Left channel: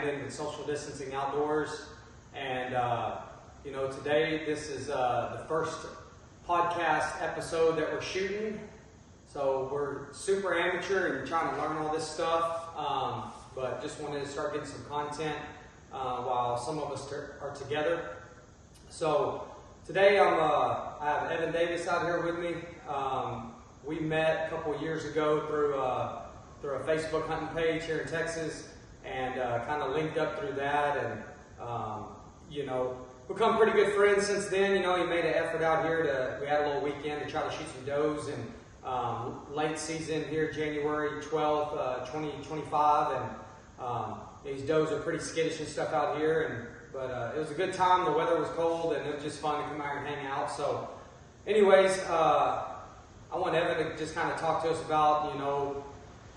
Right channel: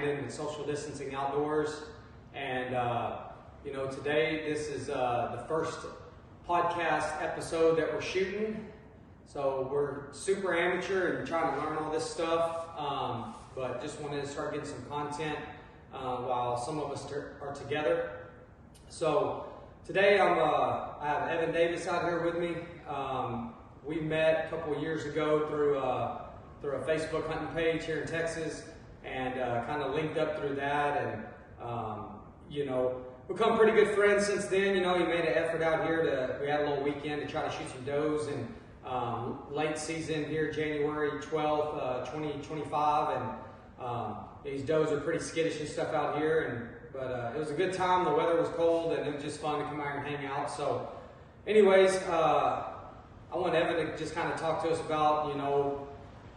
Landon with Social Distancing Outdoors. And, you know, today this is the first podcast episode that we're shooting. So we're super amateur and trying to learn all this stuff, but just wanted to start getting some content while some of us are together. So today I have Evan Davis out here with me. We met a couple of years ago through a Facebook hunting page here in Texas, and kind of linked up through that, and you know, become pretty good friends since then. You know, he made an effort out here we had a little weekend to try to shoot some does, and late season here, January 12th, 2025, and these does are pretty skittish and stuff out here, but it was a good time. The weather was cold, and it was just fun to come out and hang out. So anyways, I want Evan to just kind of talk to us about, you know,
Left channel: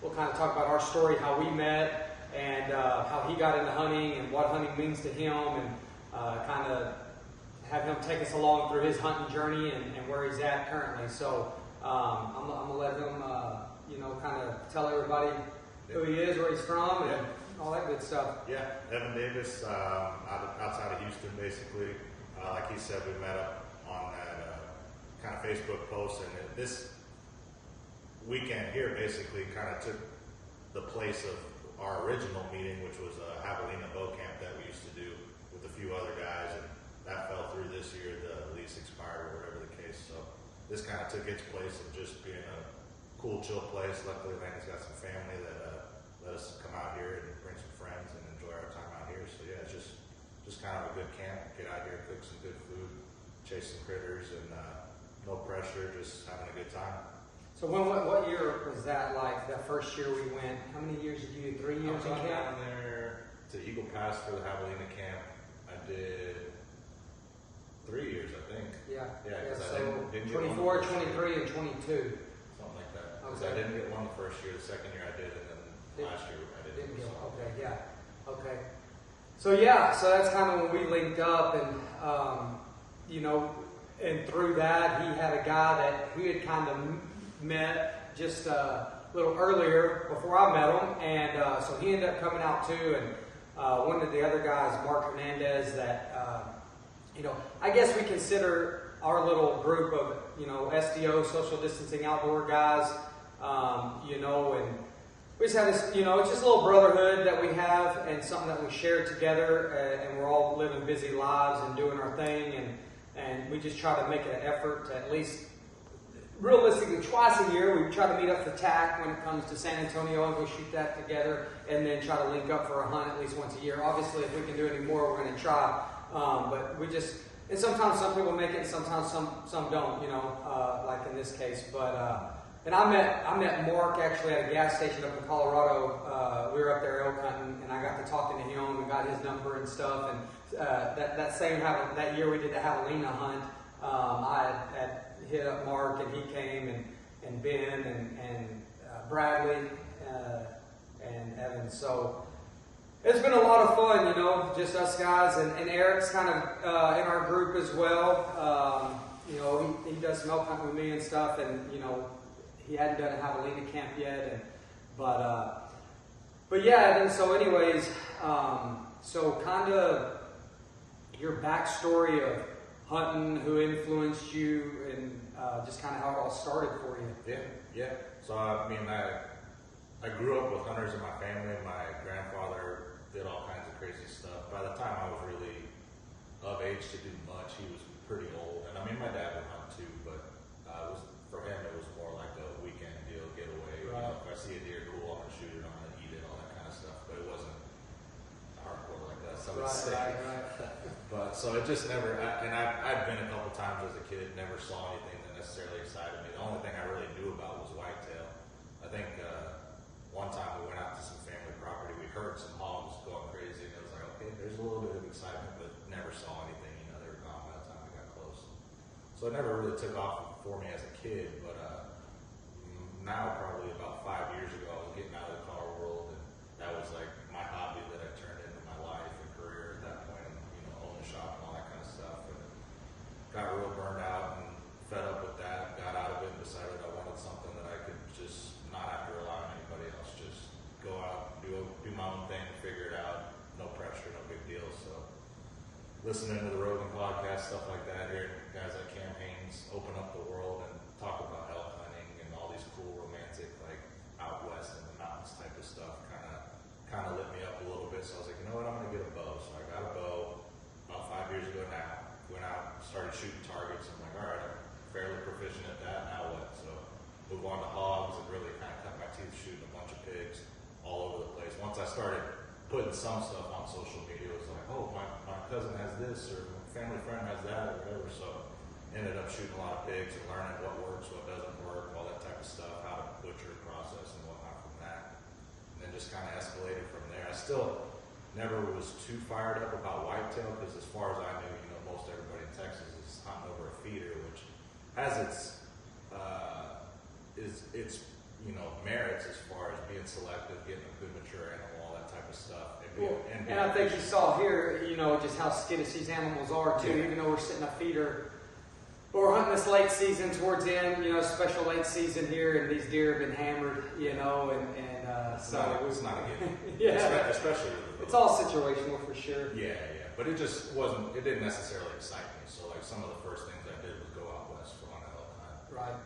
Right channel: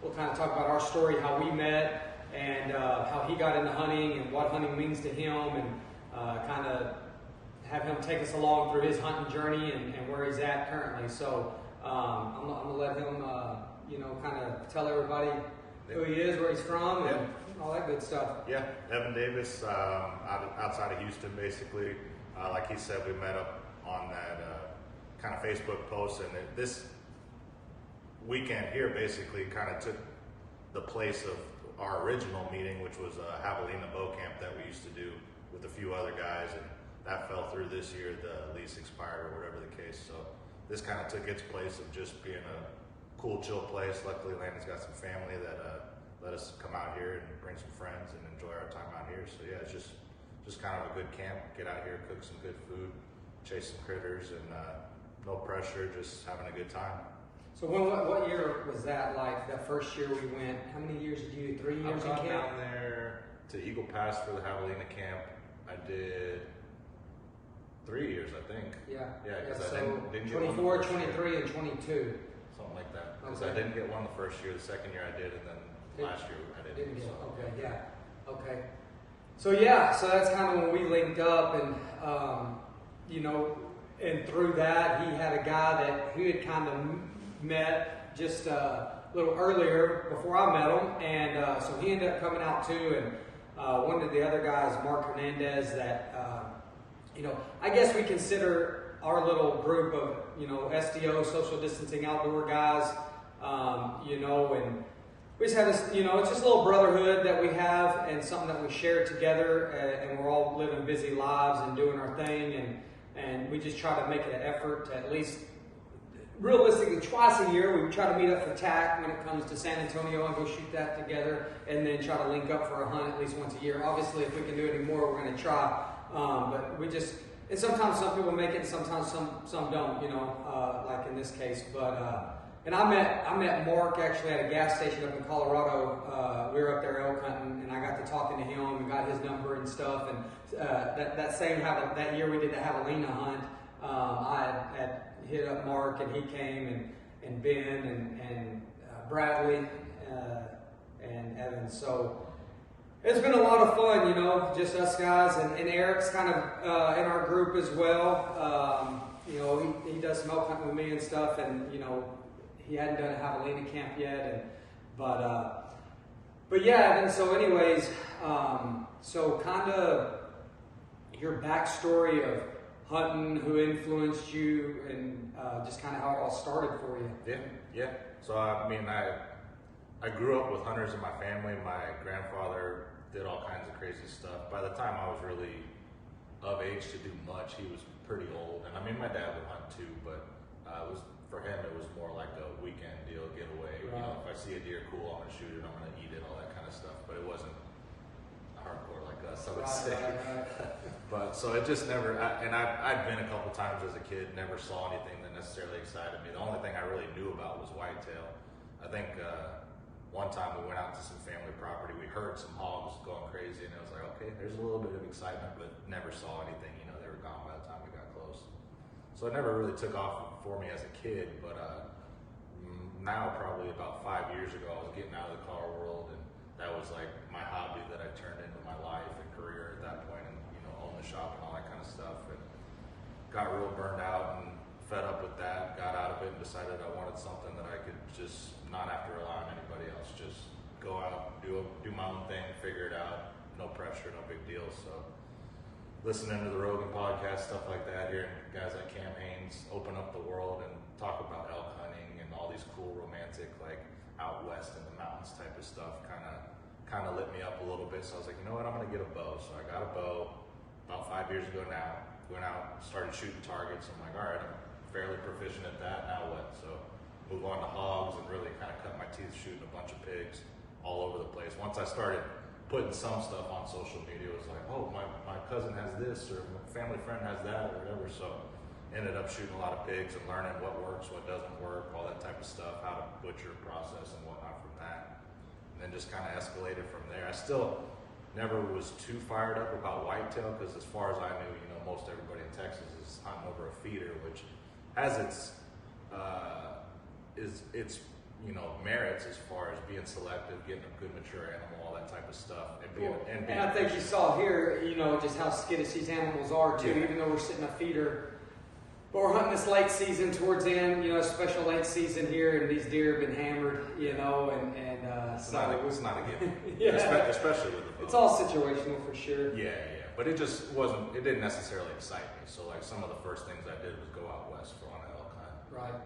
we'll kind of talk about our story, how we met, and how he got into hunting, and what hunting means to him, and kind of have him take us along through his hunting journey and where he's at currently. So I'm gonna let him, you know, kind of tell everybody who he is, where he's from, and all that good stuff. Yeah, Evan Davis, outside of Houston, basically. Like he said, we met up on that kind of Facebook post, and this weekend here basically kind of took the place of our original meeting, which was a javelina bow camp that we used to do with a few other guys, and that fell through this year. The lease expired or whatever the case, so this kind of took its place of just being a cool, chill place. Luckily, Landon's got some family that let us come out here and bring some friends and enjoy our time out here. So yeah, it's just kind of a good camp. Get out here, cook some good food, chase some critters, and no pressure, just having a good time. So what year was that like, that first year we went? How many years did you do? 3 years? I got down there to Eagle Pass for the javelina camp. I did 3 years, I think. Yeah, because so I didn't get 24, one the first 23, year. and 22. Something like that. Because Okay. I didn't get one the first year. The second year I did, and then last year I didn't. Get So. Okay, yeah. Okay. So that's kind of when we linked up, and you know, and through that he had a guy that he had kind of met just a little earlier before I met him, and so he ended up coming out too, and one of the other guys, Mark Hernandez, that you know, I guess we consider our little group of, you know, SDO, social distancing outdoor guys, you know, and we just have this, you know, it's just a little brotherhood that we have, and something that we share together, and we're all living busy lives and doing our thing, and we just try to make an effort to at least, realistically, twice a year, we try to meet up for TAC when it comes to San Antonio and go shoot that together, and then try to link up for a hunt at least once a year. Obviously, if we can do any more, we're going to try, but we just, and sometimes some people make it, and sometimes some don't, you know, like in this case, but and I met Mark actually at a gas station up in Colorado. We were up there elk hunting, and I got to talking to him and got his number and stuff. And that year we did the javelina hunt. I had hit up Mark, and he came, and Ben and Bradley and Evan. So it's been a lot of fun, you know, just us guys, and Eric's kind of in our group as well. You know, he does some elk hunting with me and stuff, and you know, he hadn't done a javelina camp yet, but yeah. And so, anyways, so kind of your backstory of hunting, who influenced you, and just kind of how it all started for you. Yeah. So I mean, I grew up with hunters in my family. My grandfather did all kinds of crazy stuff. By the time I was really of age to do much, he was pretty old. And I mean, my dad would hunt too, but for him, it was more like a weekend deal, getaway. Right. You know, if I see a deer, cool, I'm gonna shoot it, I'm gonna eat it, all that kind of stuff. But it wasn't hardcore like us, I would say. Right. But so it just never. I'd been a couple times as a kid, never saw anything that necessarily excited me. The only thing I really knew about was whitetail. I think one time we went out to some family property, we heard some hogs going crazy, and it was like, okay, there's a little bit of excitement, but never saw anything. You know, they were gone by the time we got close. So it never really took off for me as a kid, but now probably about 5 years ago, I was getting out of the car world, and that was like my hobby that I turned into my life and career at that point, and you know, own the shop and all that kind of stuff, and got real burned out and fed up with that, got out of it, and decided I wanted something that I could just not have to rely on anybody else, just go out, do my own thing, figure it out, pressure, no big deal. So listening to the Rogan podcast, stuff like that, hearing guys like Cam Haines open up the world and talk about elk hunting and all these cool romantic, like out west in the mountains type of stuff, kind of lit me up a little bit. So I was like, you know what, I'm gonna get a bow. So I got a bow about 5 years ago now. Went out, started shooting targets. I'm like, all right, I'm fairly proficient at that. Now what? So move on to hogs and really kind of cut my teeth shooting a bunch of pigs all over the place. Once I started putting some stuff on social media, it was like, oh, my cousin has this, or my family friend has that, or whatever. So ended up shooting a lot of pigs and learning what works, what doesn't work, all that type of stuff, how to butcher process and whatnot from that. And then just kind of escalated from there. I still never was too fired up about whitetail, because as far as I knew, most everybody in Texas is hunting over a feeder, which has its merits as far as being selective, getting a good mature animal, all that type of stuff. And I think you saw here, just how skittish these animals are too. Yeah. Even though we're sitting a feeder, but we're hunting this late season towards the end, special late season here, and these deer have been hammered, it's not a given. Yeah. Especially with the bow. It's all situational for sure. Yeah. But it just it didn't necessarily excite me. So like some of the first things I did was go out west for on an elk hunt. Right.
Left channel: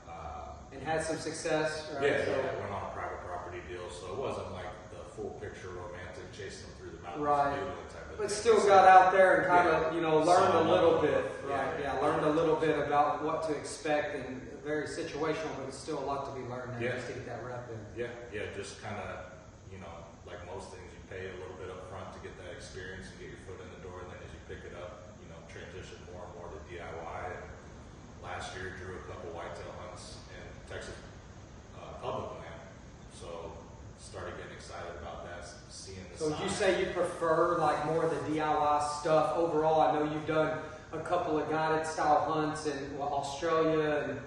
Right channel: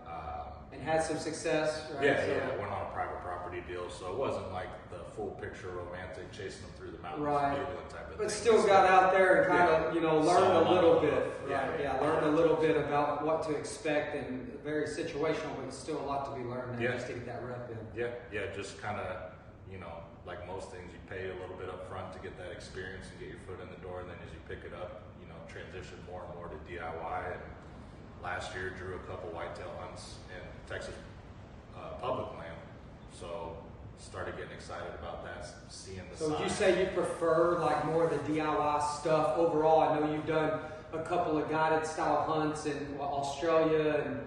And had some success, right? Yeah, went on a private property deal, so it wasn't like the full picture romantic chasing them through the mountains, right? Type of but thing. Still got out there and kind of, learned a little bit, right? Learned a little bit about what to expect, and very situational, but it's still a lot to be learned there just to get that rep in. Yeah, just kind of, like most things, you pay a little bit up front to get that experience and get your foot in the door, and then as you pick it up, transition more and more to DIY. And last year drew a couple whitetail hunts in Texas public land, so started getting excited about that, seeing the So sign. would you say you prefer like more of the DIY stuff overall? I know you've done a couple of guided style hunts in Australia and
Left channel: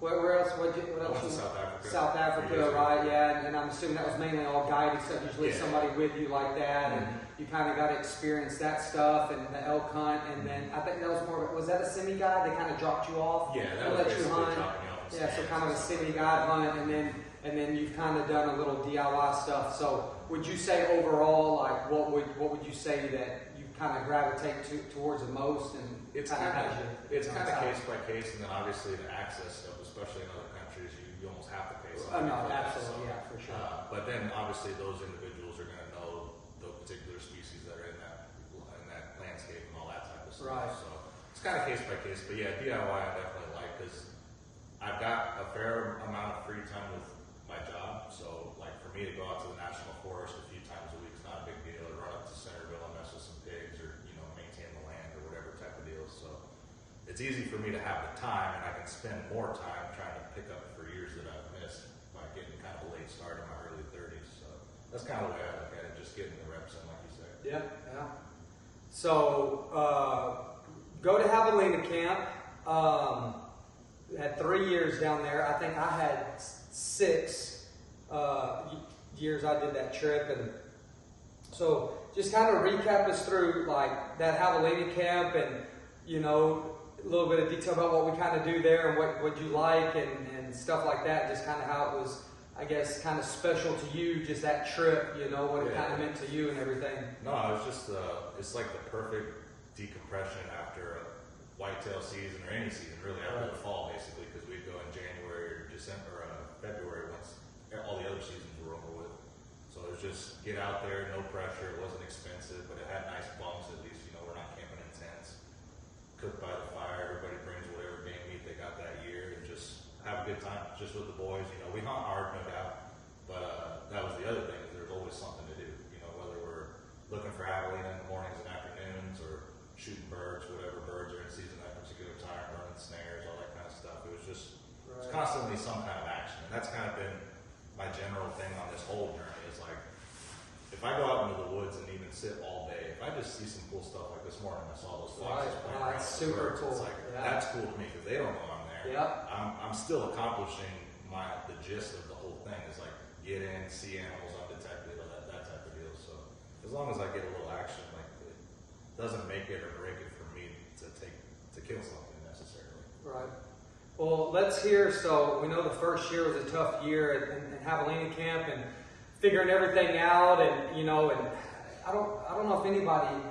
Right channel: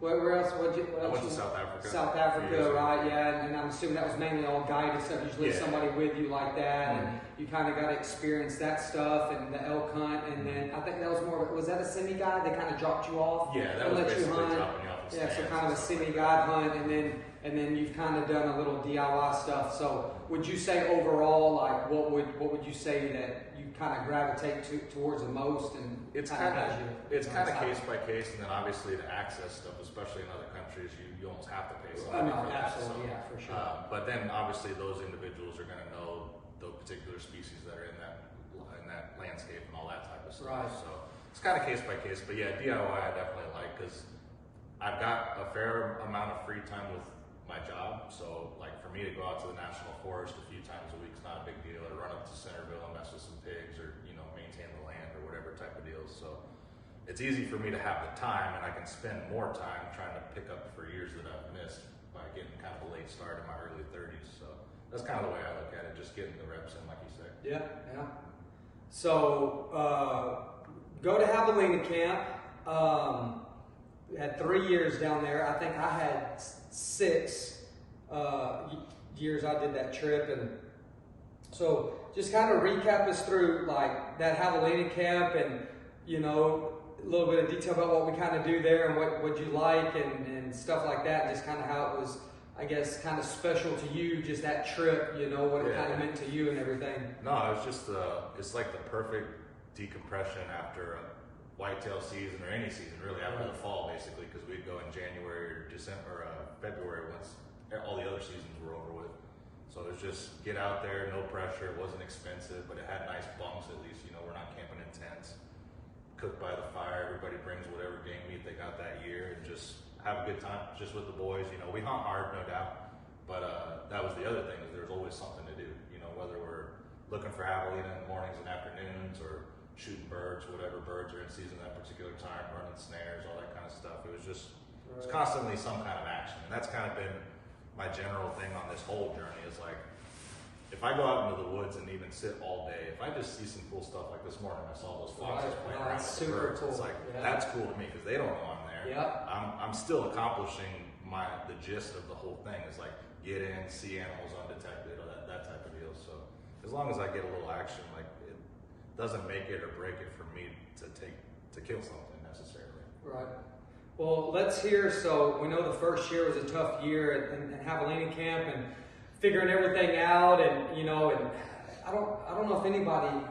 where else? I went to South Africa. South Africa, right? Yeah, and I'm assuming that was mainly all guided stuff. Usually somebody with you like that, and you kind of got to experience that stuff and the elk hunt. And then I think that was more. Was that a semi-guide? They kind of dropped you off. Yeah, that was basically dropping you off. Yeah, so kind of a semi-guide hunt, and then you've kind of done a little DIY stuff. So would you say overall, like what would you say that you kind of gravitate towards the most? And it's kind of case by case, and then obviously the access stuff, especially in other countries, you almost have to pay something for that. Absolutely, yeah, for sure. But then obviously those individuals are going to know the particular species that are in that landscape and all that type of stuff. Right. So it's kind of case by case, but yeah, DIY I definitely like, because I've got a fair amount of free time with my job. So like for me to go out to the national forest a few times a week is not a big deal. Or run up to Centerville and mess with some pigs, or maintain the land or whatever type of deal. So it's easy for me to have the time, and I can spend more time trying to pick up for years that I've missed by getting kind of a late start in my early 30s. So that's kind of the way I look at it, just getting the reps in, like you said. Yeah. So go to Javelina camp. Had 3 years down there. I think I had 6 years I did that trip, and so just kind of recap us through like that Javelina camp, and a little bit of detail about what we kind of do there and what you like and stuff like that. Just kind of how it was, I guess, kind of special to you, just that trip. What it kind of meant to you and everything. No, it's just it's like the perfect decompression after a whitetail season, or any season really, after the fall basically, because we'd go in January or December or February once all the other seasons were over with. So it was just get out there, no pressure. It wasn't expensive, but it had nice bunks at least. We're not camping in tents. Cook by the fire. Everybody brings whatever game meat they got that year, and just have a good time just with the boys. We hunt hard, no doubt, but that was the other thing, is there's always something to do. Whether we're looking for javelina in the mornings and afternoons, or shooting birds, whatever birds are in season at that particular time, running snares, all that kind of stuff. It was just it's constantly some kind of action, and that's kind of been my general thing on this whole journey. Is like, if I go out into the woods and even sit all day, if I just see some cool stuff like this morning, I saw those foxes playing around with the birds. Cool. It's like that's cool to me, because they don't know I'm there. Yeah. I'm still accomplishing the gist of the whole thing, is like get in, see animals undetected, or that type of deal. So as long as I get a little action, like it doesn't make it or break it for me to kill something necessarily. Right. Well, let's hear. So we know the first year was a tough year in Javelina camp, and figuring everything out, and I don't know if anybody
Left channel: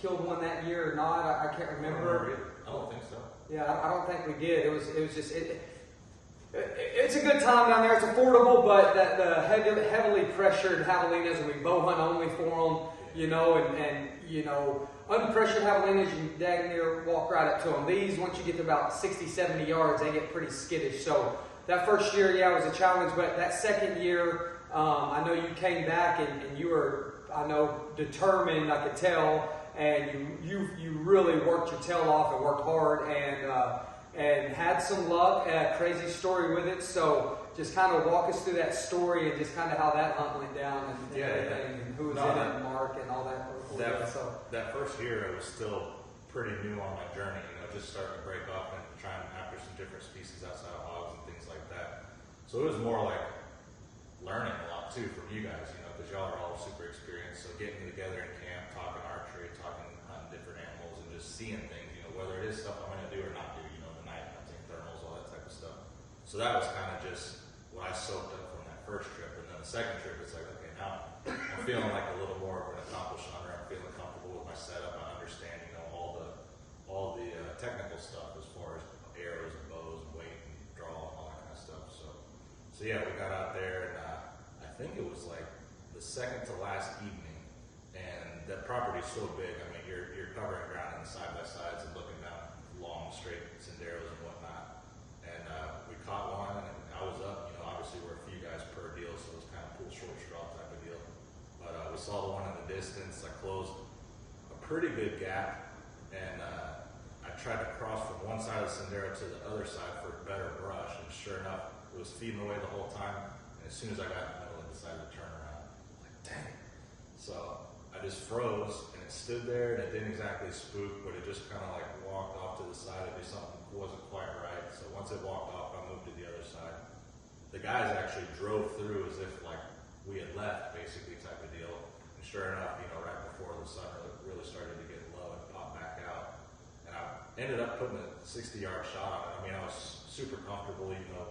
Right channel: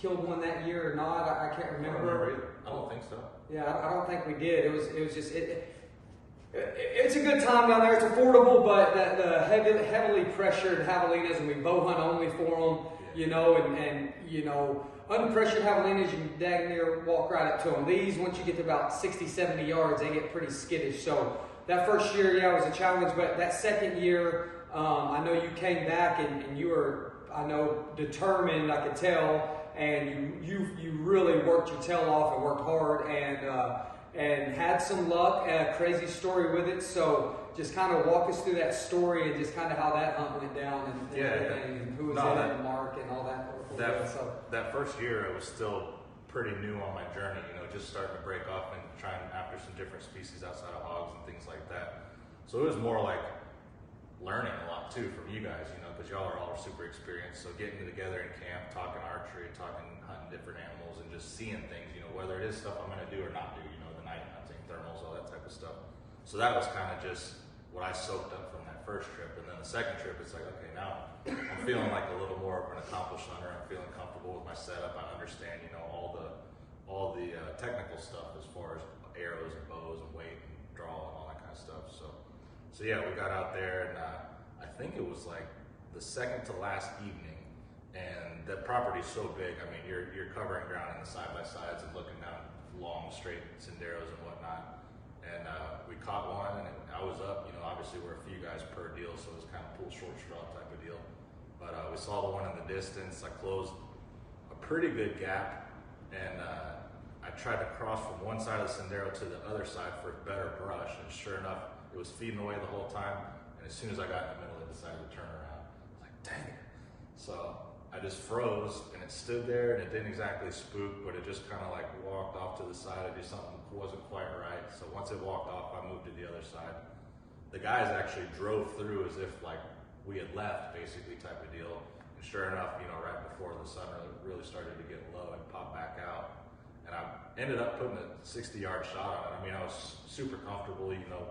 killed one that year or not. I can't remember. I don't think so. Yeah, I don't think we did. It was just it's a good time down there. It's affordable, but the heavily pressured javelinas, and we bow hunt only for them. You know, and you know, unpressured javelinas, you dang near walk right up to them. These, once you get to about 60, 70 yards, they get pretty skittish. So that first year, yeah, was a challenge. But that second year, I know you came back and you were, I know, determined. I could tell, and you really worked your tail off and worked hard and had some luck. A crazy story with it. So just kind of walk us through that story and just kind of how that hunt went down and who was in it, and Mark and all that. That first year, I was still pretty new on my journey. You know, just starting to break off and trying after some different species outside of hogs and things like that. So it was more like learning a lot too from you guys. You know, because y'all are all super experienced. So getting together in camp, talking archery, talking hunting different animals, and just seeing things. You know, whether it is stuff I'm going to do or not do. You know, the night hunting, thermals, all that type of stuff. So that was kind of just what I soaked up from that first trip. And then the second trip, it's like, okay, now I'm feeling like a little more of an accomplished hunter. I'm feeling comfortable with my setup. I understand, you know, all the technical stuff as far as arrows and bows and weight and draw and all that kind of stuff. So yeah, we got out there, and I think it was like the second to last evening. And that property is so big. I mean, you're covering ground in the side by sides and looking down long, straight senderos and whatnot. And we caught one, and I was up. You know, obviously we're a few guys per deal, so it was kind of pull short straw type of deal. But we saw the one in the distance. I closed a pretty good gap, and I tried to cross from one side of the sendero to the other side for better brush. And sure enough, it was feeding away the whole time. And as soon as I got in the middle, it decided to turn around. I was like, dang it. So I just froze, and it stood there, and it didn't exactly spook, but it just kind of like walked off to the side. I did something wasn't quite right. So once it walked off, I moved to the other side. The guys actually drove through as if like we had left, basically, type of deal. And sure enough, you know, right before the sun really started to get low, it popped back out. And I ended up putting a 60-yard shot on it. I mean, I was super comfortable, you know,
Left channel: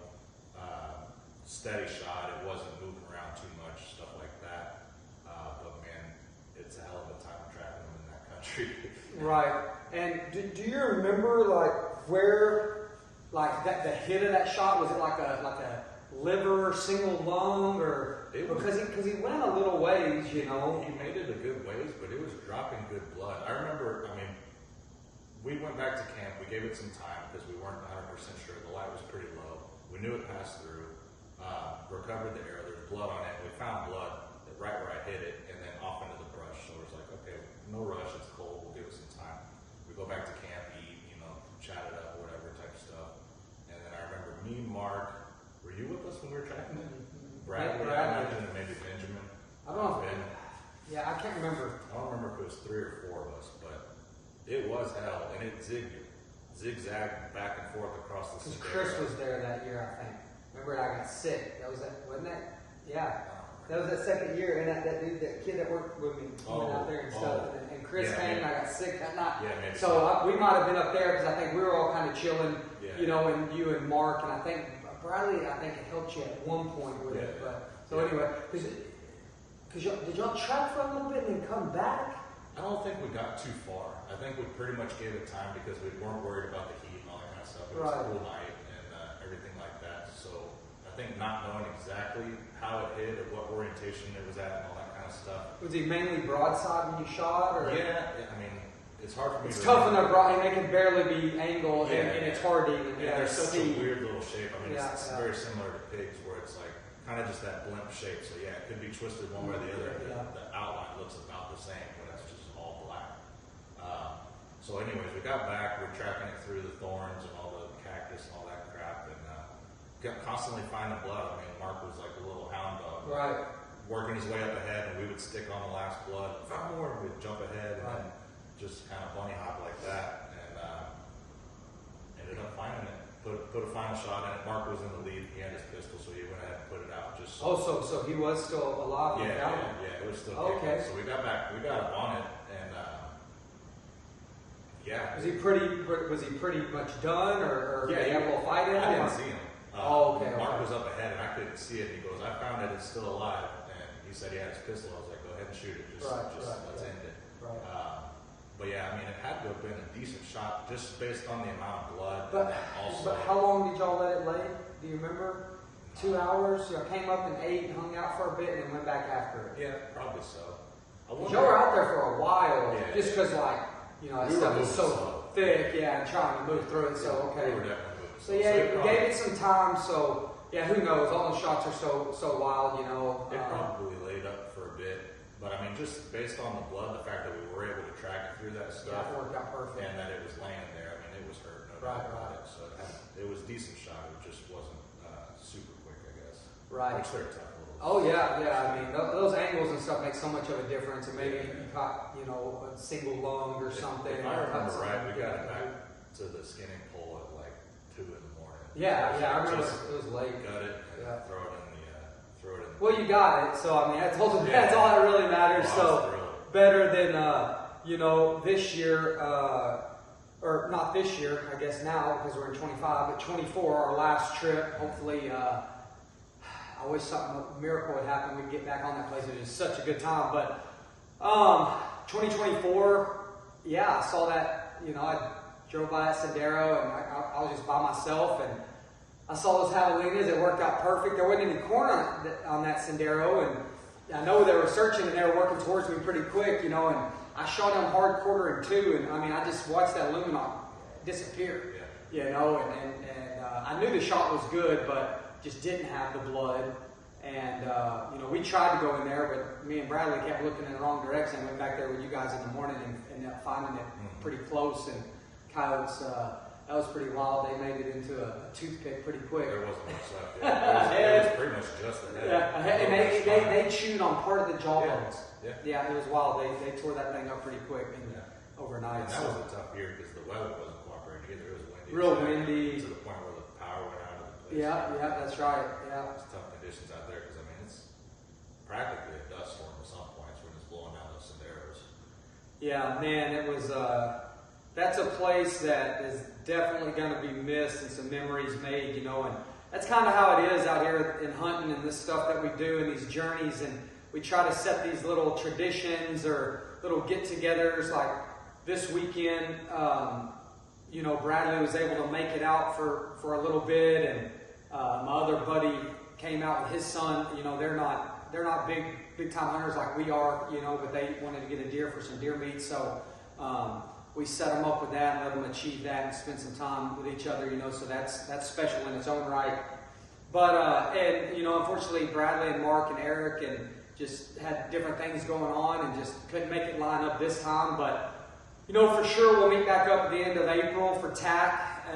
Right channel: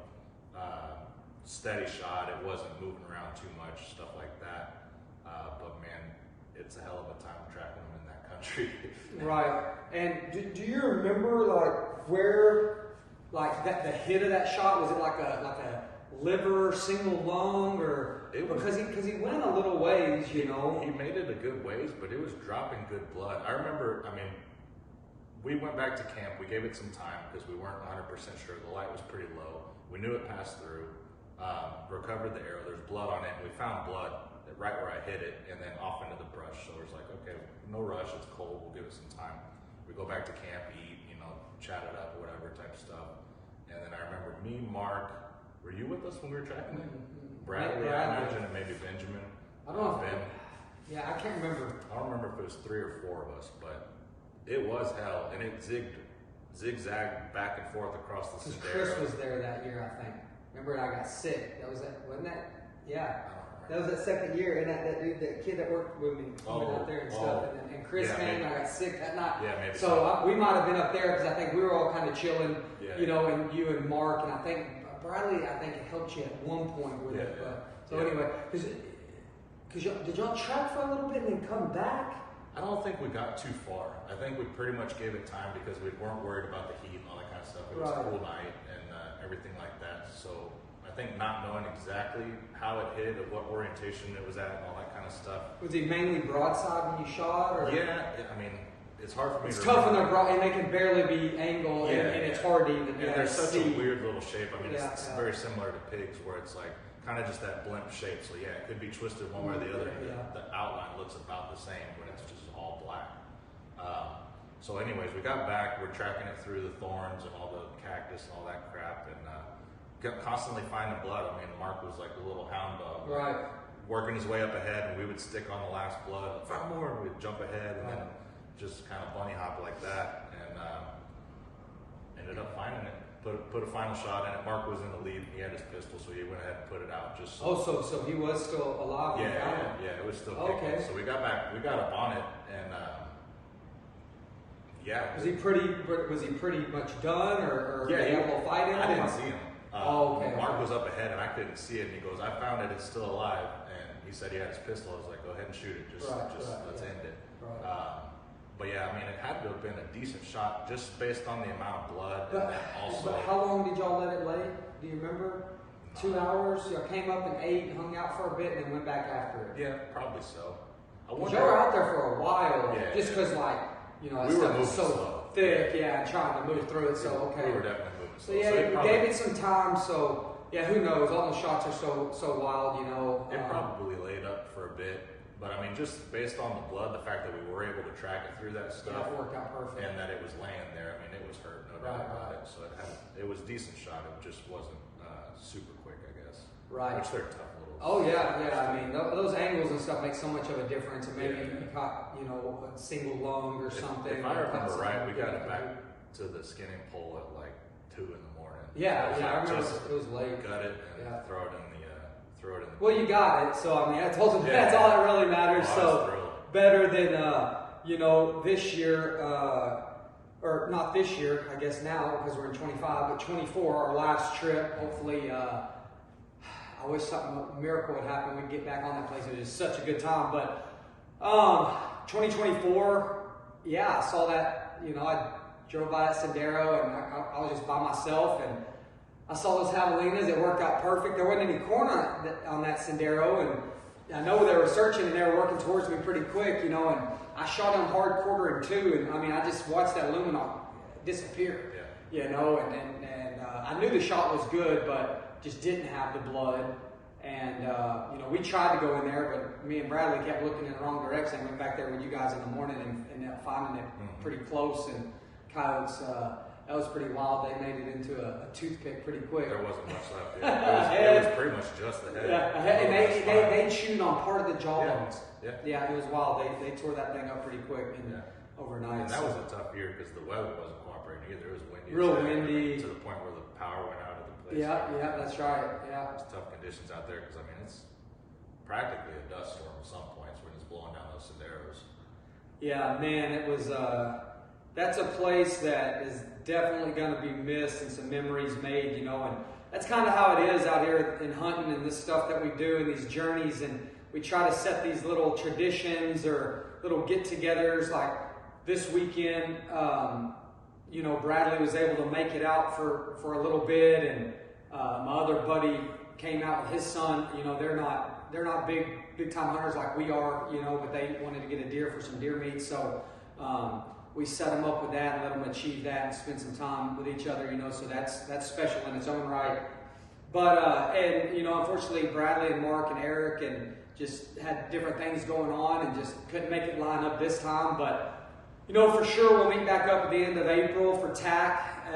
steady shot. It wasn't moving around too much, stuff like that. But man, it's a hell of a time tracking them in that country. Right. And do you remember like where, like the hit of that shot? Was it like a liver, single lung, or because he went a little ways, you know? He made it a good ways, but it was dropping good blood. I remember. I mean, we went back to camp. We gave it some time because we weren't 100% sure. The light was pretty low. We knew it passed through. Recovered the arrow. There was blood on it. We found blood right where I hit it, and then off into the brush. So it was like, okay, no rush. It's cold. We'll give it some time. We go back to camp, eat, you know, chat it up, whatever type of stuff. And then I remember me, Mark. Were you with us when we were tracking it? Bradley, I imagine, and maybe Benjamin. I don't know. Ben. Yeah, I can't remember. I don't remember if it was 3 or 4 of us, but it was hell, and it zigzagged back and forth across the sendero. Chris was there that year, I think. Remember, I got sick. Wasn't that? Yeah. That was that second year, and that dude, that kid that worked with me out there and stuff, and Chris came, and I got sick that night. Yeah, maybe. So we might have been up there because I think we were all kind of chilling, you know, and you and Mark, and I think Bradley, I think it helped you at one point with it. But, so anyway, because did y'all track for a little bit and then come back? I don't think we got too far. I think we pretty much gave it time because we weren't worried about the heat and all that kind of stuff. It was a cool night and everything like that. So I think not knowing exactly how it hit or what orientation it was at and all that kind of stuff. Was he mainly broadside when you shot? Or? Yeah, I mean, it's hard for me to It's tough enough, and they can barely be angled, and it's hard to even they're such a weird little shape. I mean, it's very similar to pigs where it's like kind of just that blimp shape. So yeah, it could be twisted one way or the other. The outline looks about the same when it's just all black. So anyways, we got back. We're tracking it through the thorns and all the cactus and all that crap, and constantly finding blood. I mean, Mark was like a little hound dog, working his way up ahead, and we would stick on the last blood. 5 more, and we'd jump ahead, and then just kind of bunny hop like that, and ended up finding it. Put a final shot in it. Mark was in the lead. He had his pistol, so he went ahead and put it out. Just so he was still alive. Yeah, it was still kicking. So we got back. We got up on it, and Was he pretty much done, or he able to fight him? I didn't see him. Okay. Mark was up ahead, and I couldn't see it. And he goes, "I found it. It's still alive." And he he said he had his pistol. I was like, go ahead and shoot it. Let's end it. Right. But yeah, I mean, it had to have been a decent shot just based on the amount of blood. But how long did y'all let it lay? Do you remember? 2 hours? Y'all came up and ate and hung out for a bit and then went back after it. Yeah, probably so. Y'all were out there for a while, just because we were moving so slow. Thick, and trying to move through it. So okay, we were definitely moving so slow. yeah, gave it some time. So yeah, who knows? All the shots are so wild, It probably laid up for a bit. But I mean, just based on the blood, the fact that we were able to track it through that stuff, that worked out perfect, and that it was laying there. I mean, it was hurt, no doubt about it. So it was a decent shot. It just wasn't super quick, I guess. Right. Which they're tough little. Oh yeah. I mean, those angles and stuff make so much of a difference. And maybe you caught, a single lung or something. If I remember right, we got it back to the skinning pole at like 2 in the morning. Yeah, I remember it was late. Gut it and throw it in the. Well, you got it. So I mean, I told you that's all that really matters. So better than this year, or not this year, I guess now because we're in 25, but 24, our last trip. Hopefully, I wish a miracle would happen. We'd get back on that place. It was such a good time. But 2024, I saw that. I drove by that Sendero and I was just by myself and I saw those javelinas. It worked out perfect. There wasn't any corner on that Sendero, and I know they were searching and they were working towards me pretty quick, and I shot them hard quartering too, and I mean, I just watched that luminol disappear, and I knew the shot was good, but just didn't have the blood, and we tried to go in there, but me and Bradley kept looking in the wrong direction. I went back there with you guys in the morning and ended up finding it pretty close, and coyotes. That was pretty wild. They made it into a toothpick pretty quick. There wasn't much left. It was pretty much just the head. And they chewed on part of the jawbones. Yeah, it was wild. They tore that thing up pretty quick overnight. And that was a tough year because the weather wasn't cooperating either. It was windy. Real windy. To the point where the power went out of the place. Yeah, that's right. Yeah. It's tough conditions out there because, I mean, it's practically a dust storm at some points when it's blowing down those senderos. Yeah, man, it was... that's a place that is definitely going to be missed and some memories made, and that's kind of how it is out here in hunting and this stuff that we do and these journeys, and we try to set these little traditions or little get-togethers. Like this weekend, Bradley was able to make it out for a little bit, and my other buddy came out with his son. They're not big time hunters like we are, but they wanted to get a deer for some deer meat, so we set them up with that and let them achieve that and spend some time with each other, so that's special in its own right. But, unfortunately, Bradley and Mark and Eric and just had different things going on and just couldn't make it line up this time. But, for sure we'll meet back up at the end of April for TAC.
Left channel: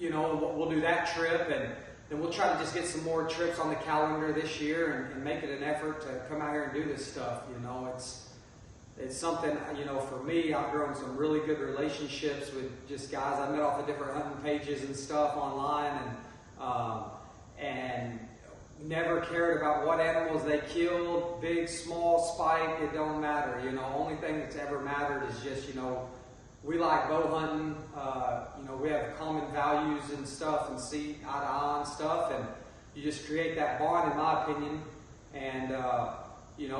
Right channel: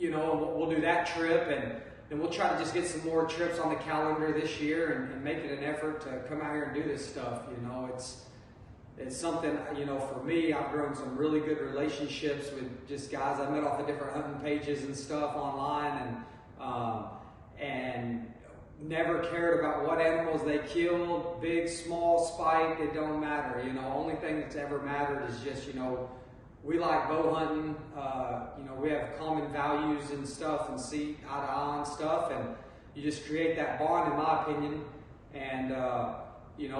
We'll do that trip, and then we'll try to just get some more trips on the calendar this year and make it an effort to come out here and do this stuff. It's something, for me, I've grown some really good relationships with just guys I met off of different hunting pages and stuff online, and never cared about what animals they killed, big, small, spike, it don't matter. Only thing that's ever mattered is just, we like bow hunting, we have common values and stuff and see eye to eye and stuff, and you just create that bond, in my opinion, and,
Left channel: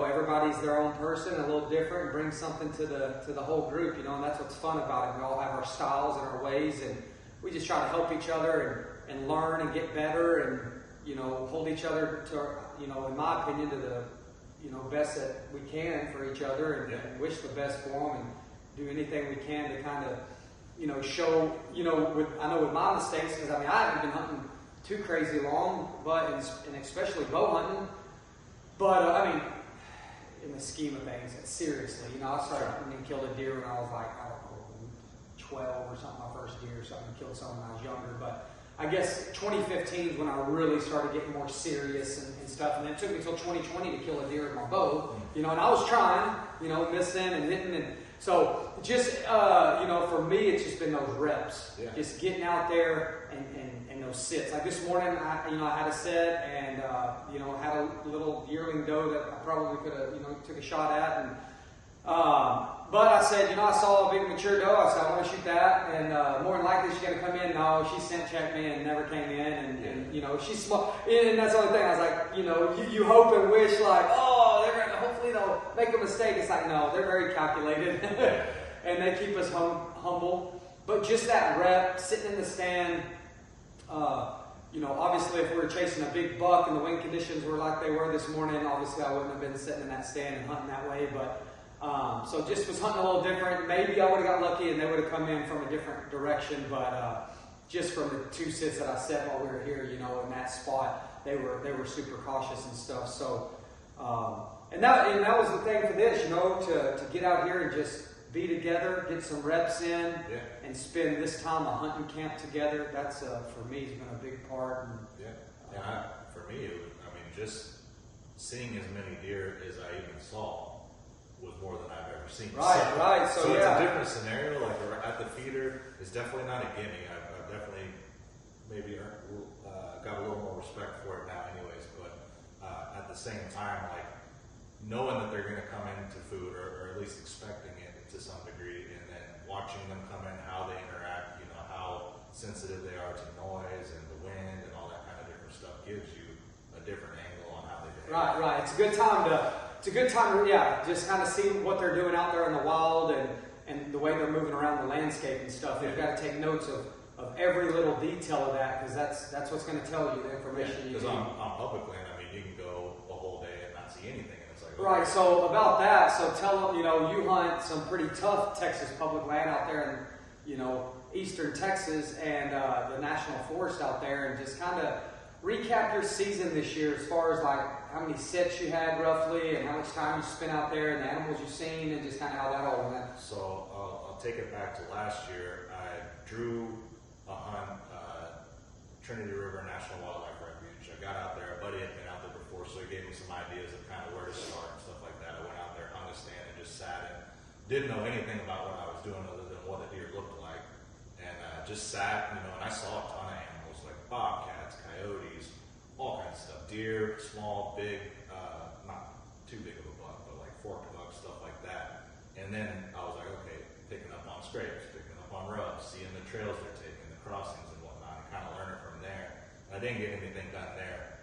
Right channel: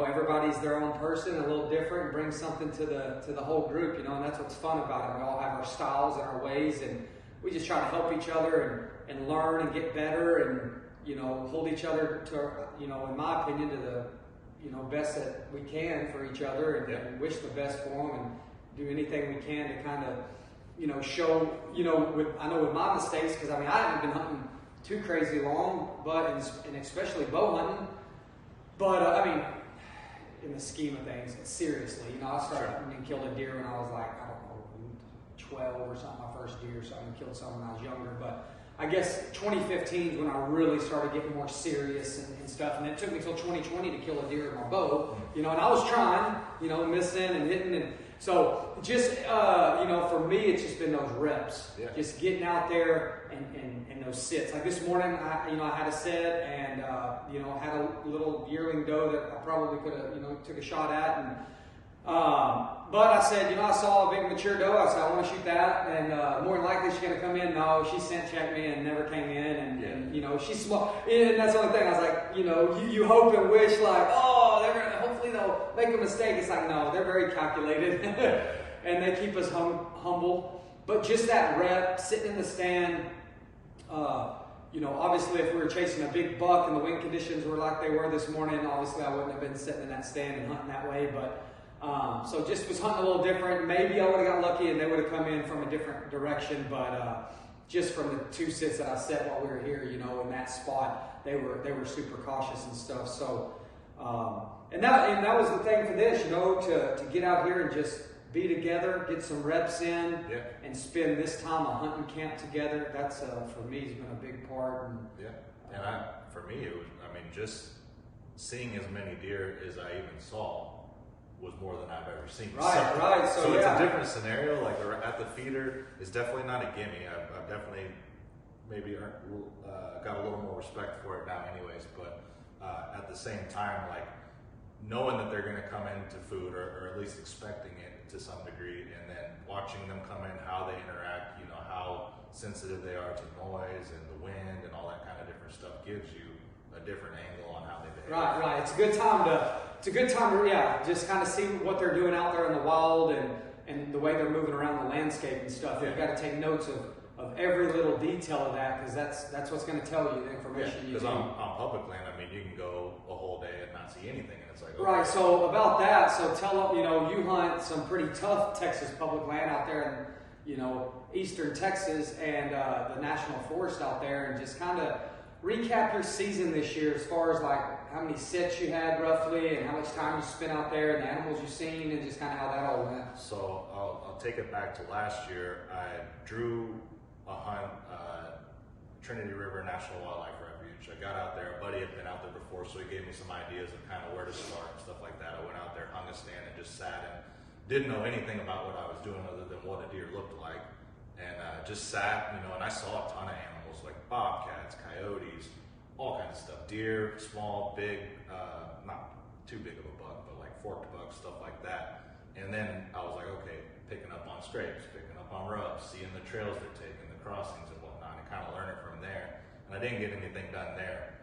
everybody's their own person, a little different, and brings something to the whole group, and that's what's fun about it. We all have our styles and our ways, and we just try to help each other and learn and get better, and hold each other to, in my opinion, to the best that we can for each other, and wish the best for them, and do anything we can to kind of show I know with my mistakes, because I haven't been hunting too crazy long, but and especially bow hunting, but in the scheme of things, seriously, I started killed a deer when I was like, 12 or something, my first deer or something, killed someone when I was younger, but I guess 2015 is when I really started getting more serious and stuff, and it took me until 2020 to kill a deer with my bow, and I was trying, missing and hitting, and so just, for me, it's just been those reps, just getting out there and those sits. Like this morning, I had a set and, I had a little yearling doe that I probably could have, took a shot at, and But I said, I saw a big mature doe. I said, I want to shoot that. And more than likely, she's going to come in. No, she scent checked me and never came in. And she's small. And that's the only thing. I was like, you hope and wish, like, oh, hopefully they'll make a mistake. It's like, no, they're very calculated. And they keep us humble. But just that rep, sitting in the stand, obviously if we were chasing a big buck and the wind conditions were like they were this morning, obviously I wouldn't have been sitting in that stand and hunting that way. But so this was hunting a little different. Maybe I would have got lucky and they would have come in from a different direction. But just from the 2 sits that I set while we were here, in that spot, they were super cautious and stuff. So and that was the thing for this, to get out here and just be together, get some reps in, and spend this time a hunting camp together. That's for me has been a big part. And for me, it was, just seeing as many deer as I even saw was more than I've ever seen. Right. So it's a different scenario. Like at the feeder, it's definitely not a gimme. I've definitely maybe got a little more respect for it now, anyways. But at the same time, like knowing that they're going to come into food, or at least expecting it to some degree, and then watching them come in, how they interact, how sensitive they are to noise and the wind and all that kind of different stuff gives you a different angle on how they behave. Right. It's a good time to just kind of see what they're doing out there in the wild and the way they're moving around the landscape and stuff. You've got to take notes of every little detail of that, because that's what's going to tell you the information. Because on public land, you can go a whole day and not see anything, and it's like, okay. Right. So about that, so tell them, you hunt some pretty tough Texas public land out there in, eastern Texas and the national forest out there, and just kind of recap your season this year as far as like how many sets you had roughly and how much time you spent out there and the animals you've seen and just kind of how that all went. So I'll take it back to last year. I drew a hunt, Trinity River National Wildlife Refuge. I got out there. A buddy had been out there before, so he gave me some ideas of kind of where to start and stuff like that. I went out there, hung a stand, and just sat and didn't know anything about what I was doing other than what a deer looked like. And just sat, and I saw a ton of animals like bobcats, coyotes, all kinds of stuff. Deer, small, big, not too big of a buck, but like forked bucks, stuff like that. And then I was like, okay, picking up on scrapes, picking up on rubs, seeing the trails they're taking, the crossings and whatnot, and kind of learn it from there. And I didn't get anything done there.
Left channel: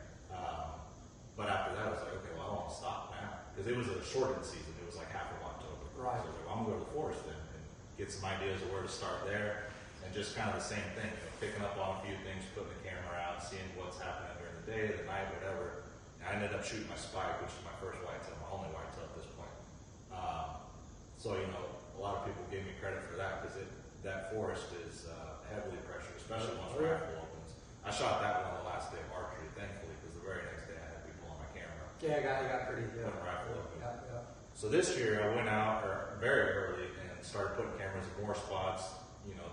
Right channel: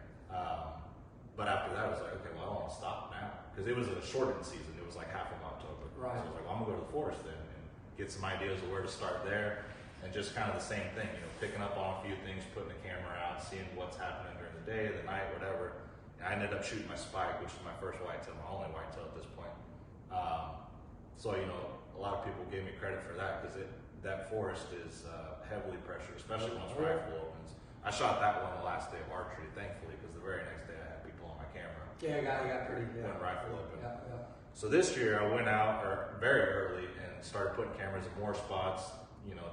But after that, I was like, okay, well, I want to stop now. Because it was a shortened season. It was like half of October. Right. So I was like, well, I'm going to go to the forest then and get some ideas of where to start there. And just kind of the same thing, picking up on a few things, putting the camera out, seeing what's happening during the day, the night, whatever. And I ended up shooting my spike, which is my first whitetail, my only whitetail at this point. So, a lot of people gave me credit for that, because that forest is heavily pressured, especially once rifle opens. I shot that one the last day of archery, thankfully, because the very next day I had people on my camera. Yeah, I got pretty good. When rifle opened. Yeah. So this year I went out very early and started putting cameras in more spots,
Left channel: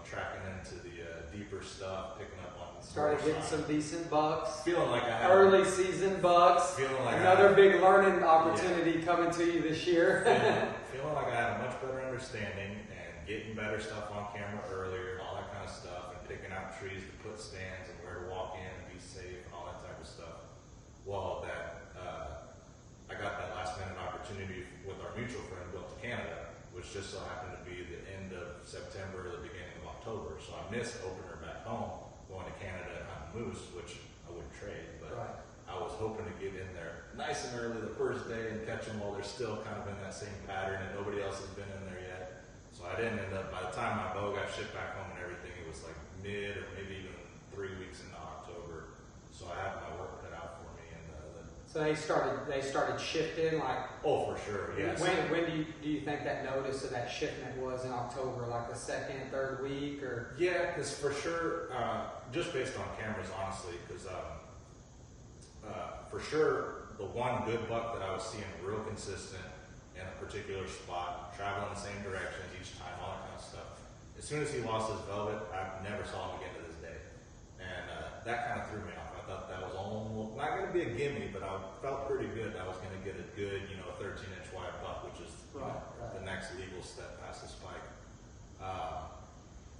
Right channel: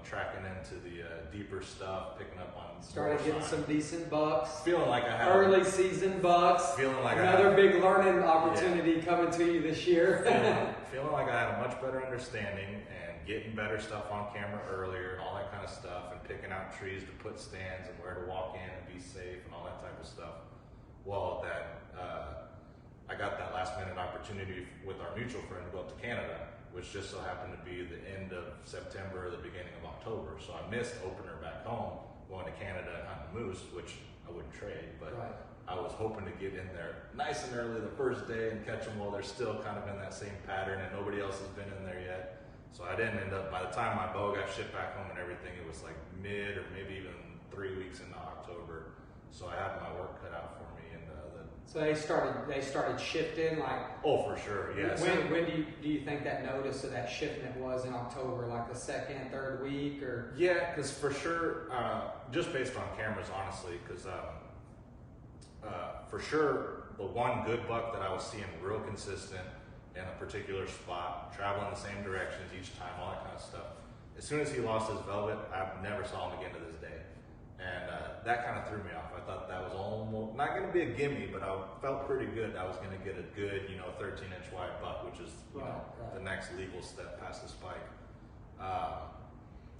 tracking into the deeper stuff, picking up on started getting some decent bucks. Feeling like I had early season bucks. Feeling like another big learning opportunity coming to you this year. feeling like I had a much better understanding and getting better stuff on camera earlier and all that kind of stuff, and picking out trees to put stands and where to walk in and be safe and all that type of stuff. Well, I got that last minute opportunity with our mutual friend who went to Canada, which just so happened to be the end of September or the beginning of October. So I missed opener back home, going to Canada and hunting moose, which I wouldn't trade, but right. I was hoping to get in there nice and early the first day and catch them while they're still kind of in that same pattern and nobody else has been in there yet. So I didn't end up, by the time my bow got shipped back home and everything, it was like mid or maybe even 3 weeks into October. So I had my work cut out for me. So they started shifting, like. Oh, for sure, yes. When do you think that notice of that shipment was in October, like the second, third week, or? Yeah, because for sure, just based on cameras, honestly, because for sure, the one good buck that I was seeing real consistent in a particular spot, traveling the same directions each time, all that kind of stuff. As soon as he lost his velvet, I never saw him again to this day, and that kind of threw me off. I thought that was almost not going to be a gimme, but I felt pretty good. I was going to get a good, 13-inch wide buck, which is the next legal step past the spike.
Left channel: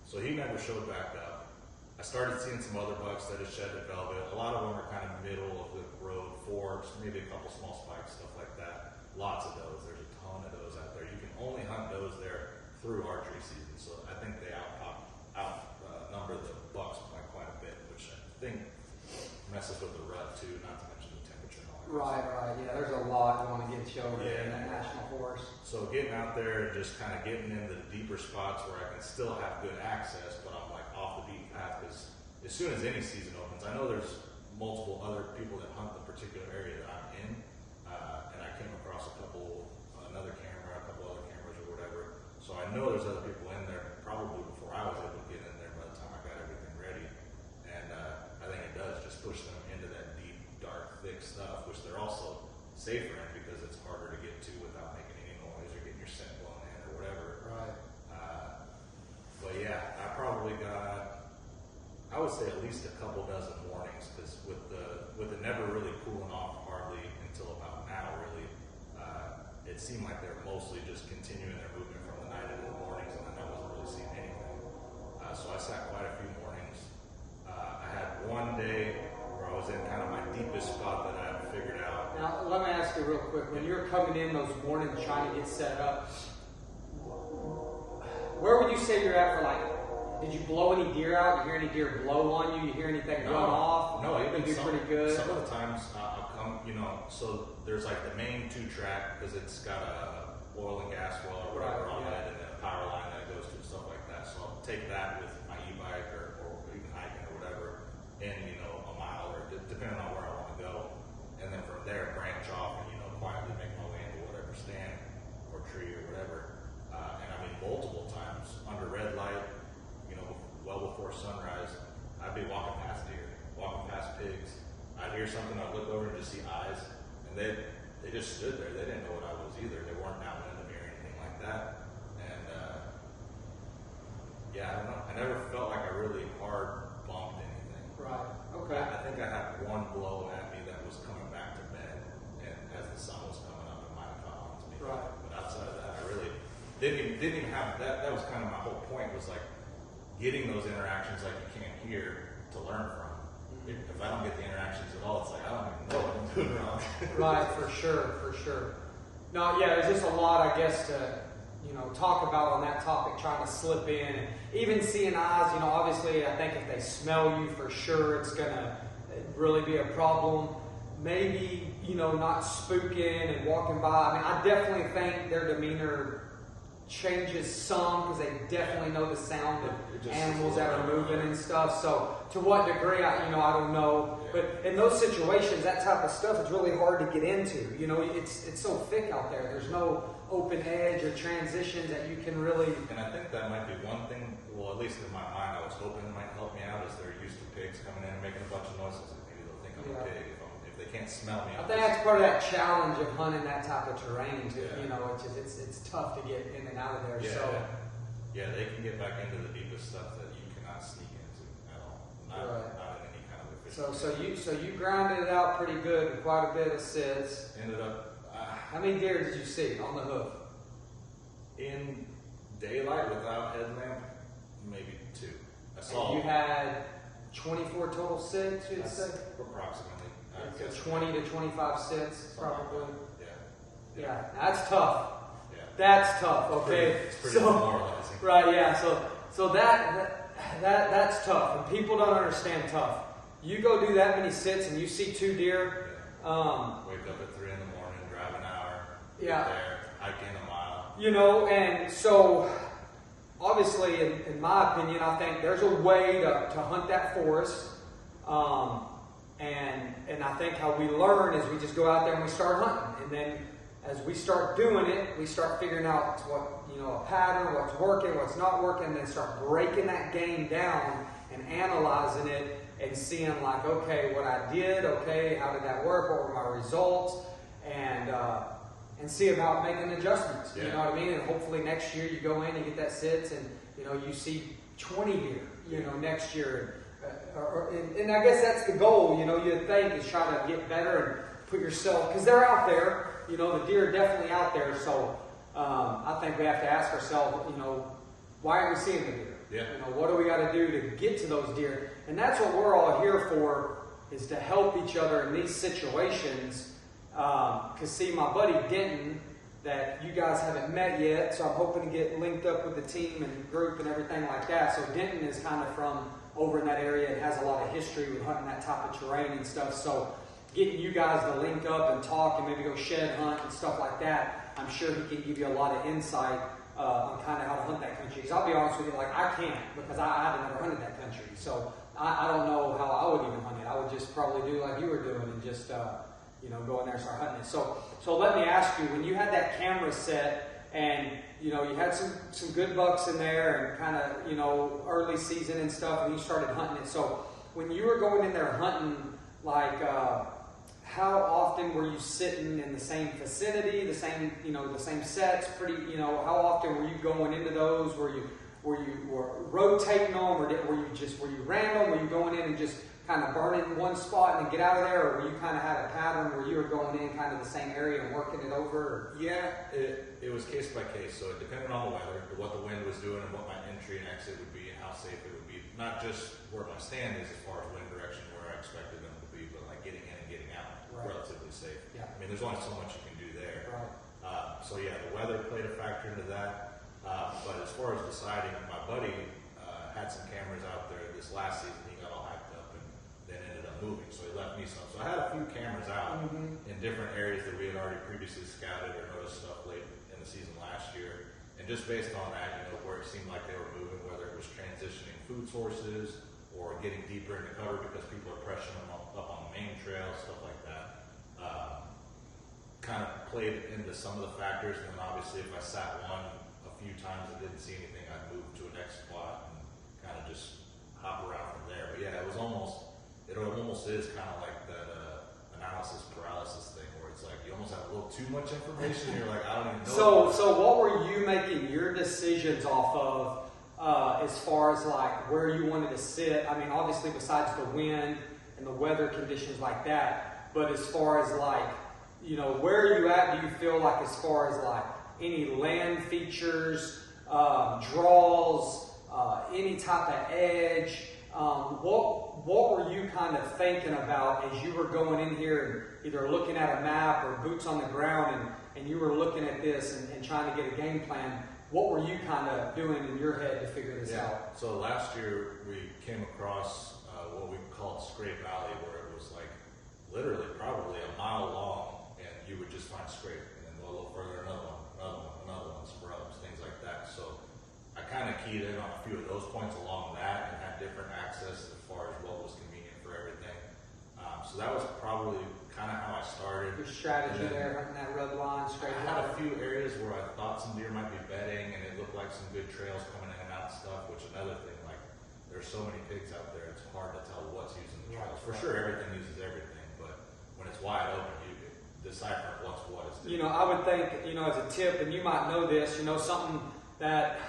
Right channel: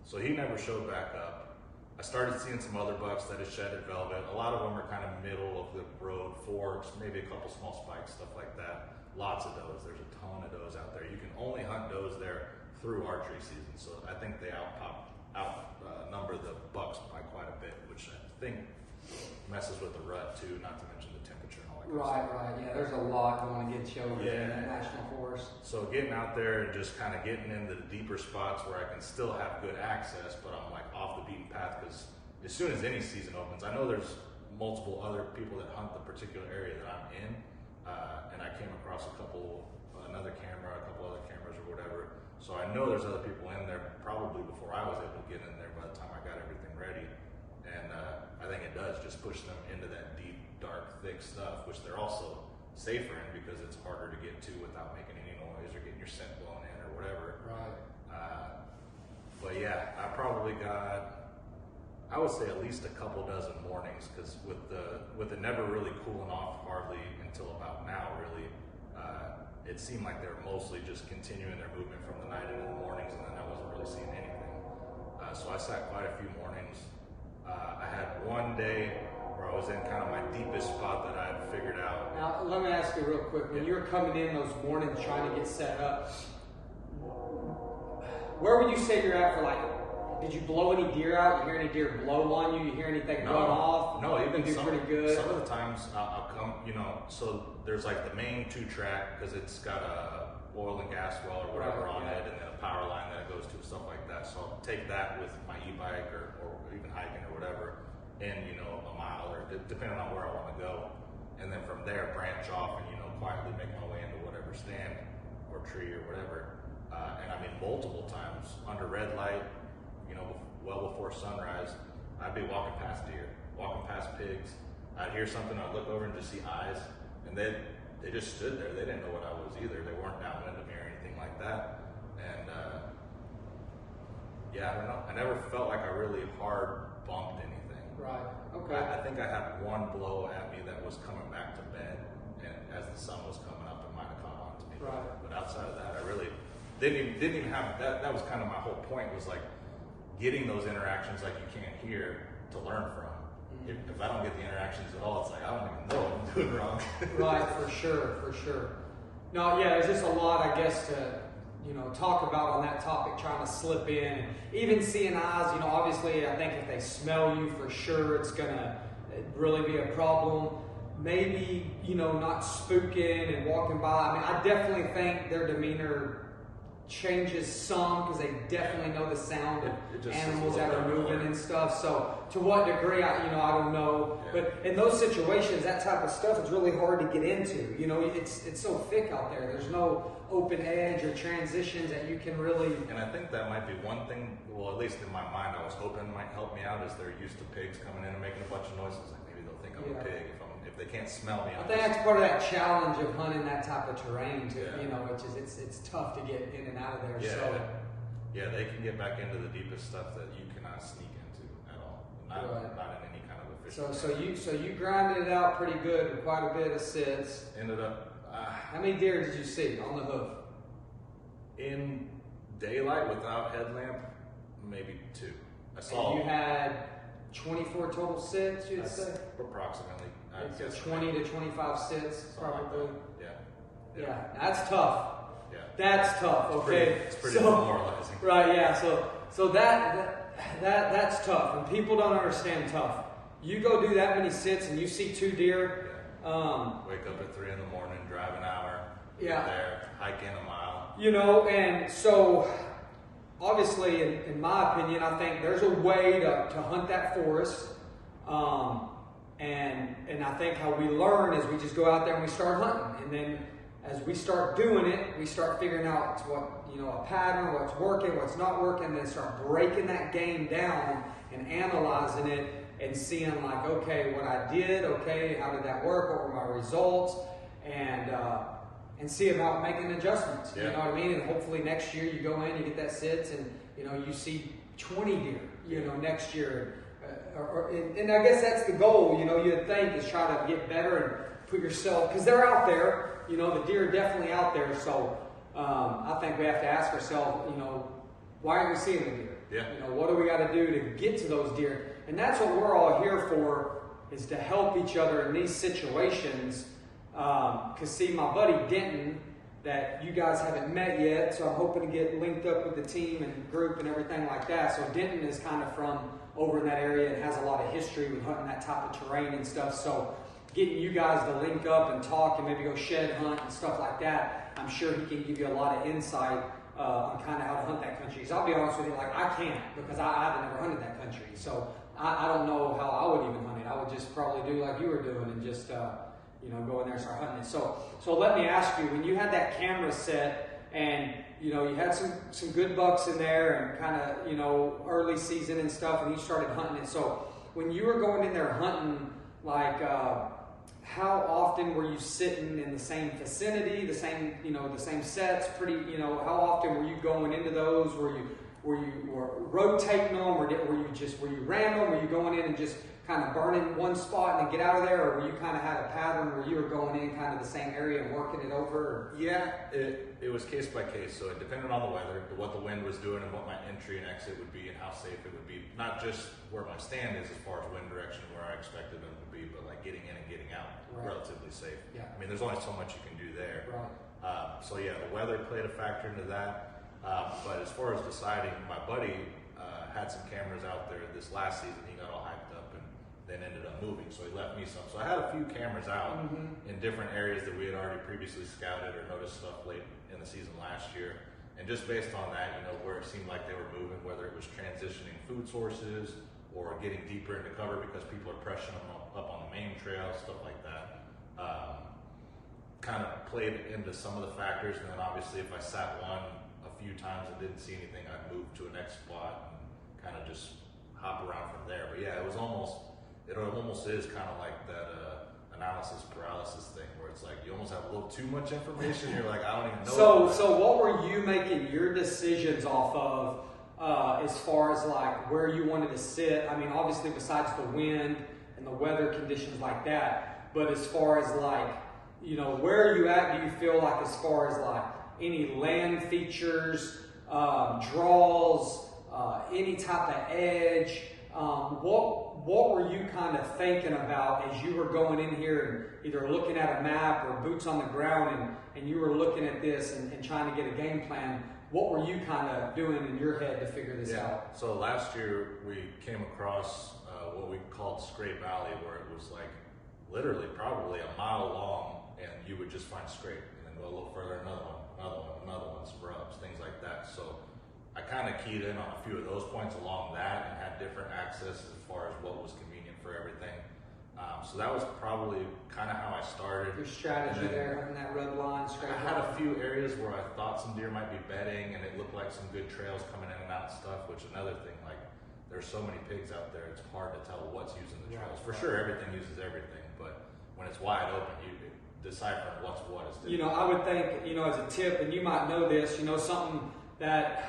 So he never showed back up. I started seeing some other bucks that had shedded velvet. A lot of them are kind of middle of the road, forks, maybe a couple small spikes, stuff like that. Lots of those. There's a ton of those out there. You can through archery season. So I think they outnumber the bucks by quite a bit, which I think messes with the rut too, not to mention the temperature and all that. Right. Yeah, there's a lot going against you over there in that national forest. So getting out there and just kind of getting into the deeper spots where I can still have good access, but I'm like off the beaten path, because as soon as any season opens, I know there's multiple other people that hunt the particular area that I'm in, and I came across another camera, a couple other cameras or whatever. So I know there's other people in there probably before I was able to get in there by the time I got everything ready. And I think it does just push them into that deep, dark, thick stuff, which they're also safer in because it's harder to get to without making any noise or getting your scent blown in or whatever. Right. But yeah, I probably got, I would say at least a couple dozen mornings, because with it never really cooling off hardly until about now, really, it seemed like they were mostly just continuing their movement from the night into the mornings, and then I wasn't really seeing anything. So I sat quite a few mornings. I had one day where I was in kind of my deepest spot that I had figured out. Now, let me ask you real quick. When you're coming in those mornings trying to get set up, where would you say you're at for, like, did you blow any deer out? You hear any deer blow on you? You hear anything run off? No, even pretty good. Some of the times I'll come, so there's like the main 2-track, because it's got a oil and gas well or whatever on it, and then a power line that it goes to and stuff like that. So I'll take that with my e-bike or even hiking or whatever, and a mile or depending on where I want to go, and then from there branch off and quietly make my way into whatever stand or tree or whatever. And I mean, multiple times under red light, well before sunrise, I'd be walking past deer, walking past pigs. I'd hear something, I'd look over and just see eyes, and they just stood there. They didn't know what I was either. They weren't downwind of me or anything like that. And yeah, I don't know. I never felt like I really hard bumped anything. Right. Okay. I think I had one blow at me that was coming back to bed, and as the sun was coming up, it might have caught on to me. Right. But outside of that, I really didn't even have that. That was kind of my whole point, was like getting those interactions like you can't hear to learn from. If I don't get the interactions at all, it's like I don't even know what I'm doing wrong. Right, for sure. No, yeah, there's just a lot, I guess, to talk about on that topic, trying to slip in. Even seeing eyes, obviously, I think if they smell you, for sure, it's gonna really be a problem. Maybe, not spooking and walking by. I mean, I definitely think their demeanor changes some, because they definitely know the sound of animals that are moving and stuff. So to what degree, I don't know. Yeah. But in those situations, that type of stuff is really hard to get into. It's so thick out there. There's no open edge or transitions that you can really. And I think that might be one thing. Well, at least in my mind, I was hoping might help me out, is they're used to pigs coming in and making a bunch of noises. Like maybe they'll think I'm a pig if they can't smell me. I think that's part of that challenge of hunting that type of terrain. It's tough to get in and out of there. Yeah, they can get back into the deepest stuff that you cannot sneak into at all. Not in any kind of efficient. So you grinded it out pretty good with quite a bit of sits. Ended up. How many deer did you see on the hoof? In daylight without headlamp, maybe 2. I saw. And you had 24 total sits, you'd say? Approximately. So 20 to 25 sits, probably. Like Yeah, that's tough. Yeah. That's tough. Okay. It's pretty demoralizing. Right. Yeah. So that's tough, and people don't understand tough. You go do that many sits, and you see 2 deer. Wake up at 3 in the morning, drive an hour, get there, hike in a mile. And so obviously, in my opinion, I think there's a way to hunt that forest. And I think how we learn is we just go out there and we start hunting. And then as we start doing it, we start figuring out a pattern, what's working, what's not working, and then start breaking that game down and analyzing it and seeing like, okay, what I did, okay, how did that work, what were my results, and see about making adjustments. Yeah. You know what I mean? And hopefully next year you go in and get that sits, and you see 20 deer, next year. And I guess that's the goal, you think, is try to get better and put yourself, because they're out there, the deer are definitely out there. So I think we have to ask ourselves, why are we seeing the deer? Yeah. What do we got to do to get to those deer? And that's what we're all here for, is to help each other in these situations. Because see, my buddy Denton, that you guys haven't met yet, so I'm hoping to get linked up with the team and group and everything like that. So Denton is kind of from over in that area and has a lot of history with hunting that type of terrain and stuff. So getting you guys to link up and talk and maybe go shed hunt and stuff like that, I'm sure he can give you a lot of insight on kind of how to hunt that country. Because I'll be honest with you, like I can't, because I've never hunted that country. So I don't know how I would even hunt it. I would just probably do like you were doing and just go in there and start hunting it. So let me ask you, when you had that camera set and you had some good bucks in there and kind of early season and stuff, and you started hunting it. So when you were going in there hunting, like how often were you sitting in the same vicinity, the same sets? How often were you going into those? Were you rotating them, or were you random? Were you going in and just kind of burning one spot and then get out of there, or were you kind of had a pattern where you were going in kind of the same area and working it over? Yeah, it was case by case, so it depended on the weather, what the wind was doing, and what my entry and exit would be, and how safe it would be. Not just where my stand is as far as wind direction, where I expected them to be, but like getting in and getting out, right. Relatively safe. Yeah. I mean, there's only so much you can do there. Right. So yeah, the weather played a factor into that. But as far as deciding, my buddy had some cameras out there this last season. He got all hyped up and then ended up moving, so he left me some. So I had a few cameras out in different areas that we had already previously scouted or noticed stuff late in the season last year. And just based on that, where it seemed like they were moving, whether it was transitioning food sources or getting deeper into cover because people are pressing them up on the main trail, stuff like that, kind of played into some of the factors. And then obviously if I sat one a few times and didn't see anything, I'd move to a next spot and kind of just hop around from there. But yeah, it almost is kind of like that analysis paralysis thing, where it's like you almost have a little too much information. You're like, I don't even know. So what were you making your decisions off of as far as like where you wanted to sit? I mean, obviously besides the wind and the weather conditions like that, but as far as like, where are you at? Do you feel like as far as like any land features, draws, any type of edge? What were you kind of thinking about as you were going in here and either looking at a map or boots on the ground and you were looking at this and trying to get a game plan? What were you kind of doing in your head to figure this out? So last year we came across what we called Scrape Valley, where it was like literally probably a mile long, and you would just find scrape and then go a little further, another one, scrubs, things like that. So I kind of keyed in on a few of those points along that and had different access as far as what was convenient for everything. So that was probably kind of how I started. Your strategy there, having that red line straight. I had a few areas where I thought some deer might be bedding, and it looked like some good trails coming in and out and stuff, which another thing, like there's so many pigs out there, it's hard to tell what's using the trails. For sure, everything uses everything, but when it's wide open, you deciphering what's what is different. I would think, as a tip, and you might know this, something that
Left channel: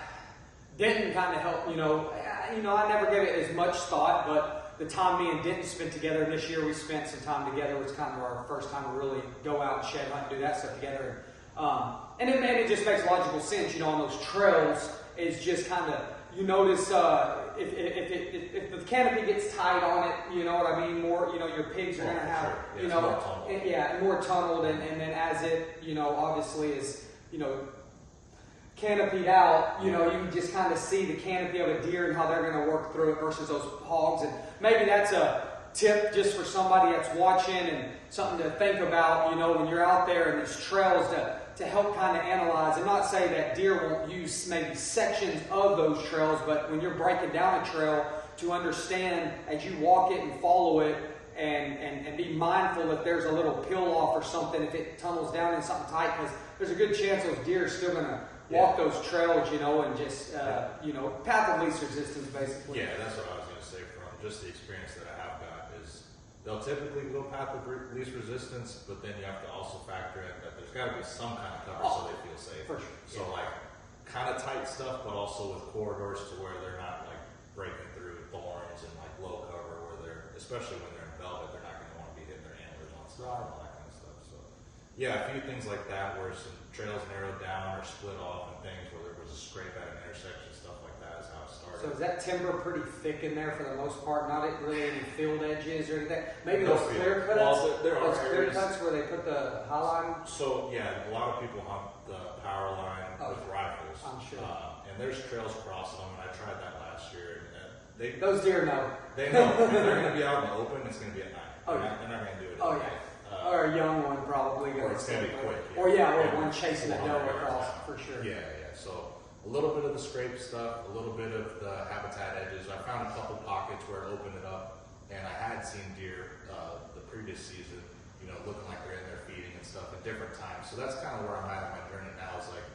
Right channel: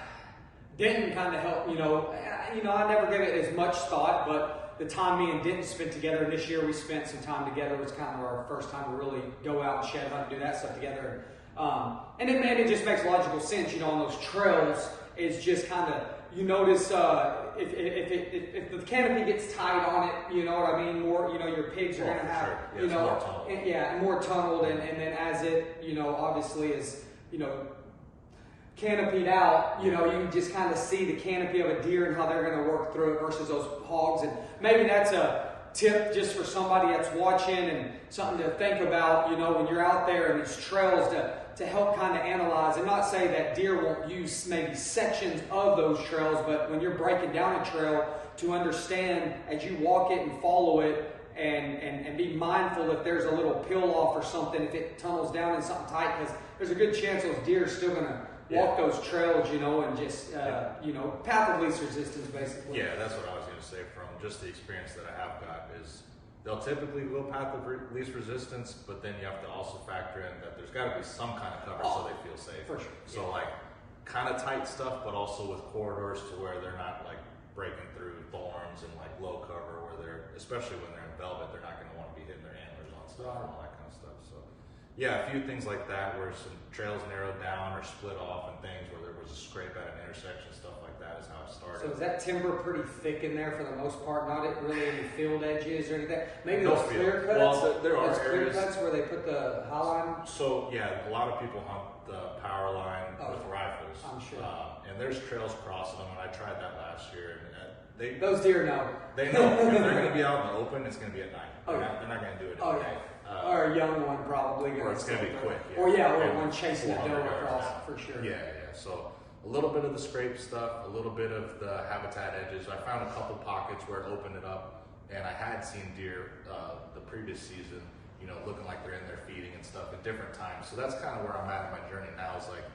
Denton kind of helped, I never gave it as much thought, but the time me and Denton spent together this year, we spent some time together. It was kind of our first time to really go out and shed hunt and do that stuff together. And it just makes logical sense, on those trails. It's just kind of, you notice if the canopy gets tight on it, you know what I mean? More, your pigs are going to have, sure. More tunneled. And then as it, obviously is, canopied out, you just kind of see the canopy of a deer and how they're going to work through it versus those hogs. And maybe that's a tip just for somebody that's watching and something to think about, when you're out there and these trails to help kind of analyze, and not say that deer won't use maybe sections of those trails, but when you're breaking down a trail, to understand as you walk it and follow it and be mindful that there's a little peel off or something if it tunnels down in something tight, because there's a good chance those deer are still going to walk those trails, and just, path of least resistance, basically. Yeah, that's what I was going to say from just the experience that I have got is they'll typically go path of least resistance, but then you have to also factor in that there's got to be some kind of cover so they feel safe. For sure. So like kind of tight stuff, but also with corridors to where they're not like breaking through thorns and like low cover where they're, especially when they're in velvet, they're not going to want to be hitting their antlers on stuff and all that kind of stuff. So yeah, a few things like that where some trails narrowed down or split off and things where there was a scrape at an intersection, stuff like that is how it started. So is that timber pretty thick in there for the most part? Not really any field edges or anything? Maybe No those field. clear cuts? Well, there are those clear areas. cuts where they put the high line? So yeah, a lot of people hunt the power line with rifles. I'm sure. And there's trails crossing them, and I tried that last year. And those deer know. They know if they're going to be out in the open, it's going to be at night. Oh, They're not going to do it at Oh, night. yeah. Or a young one probably. Or it's going to be quick. Yeah. Or one chasing the 400 doe yards across out. for sure. Yeah. So a little bit of the scrape stuff, a little bit of the habitat edges. I found a couple pockets where it opened it up, and I had seen deer the previous season, looking like they're in there feeding and stuff at different times. So that's kind of where I'm at in my journey now, is like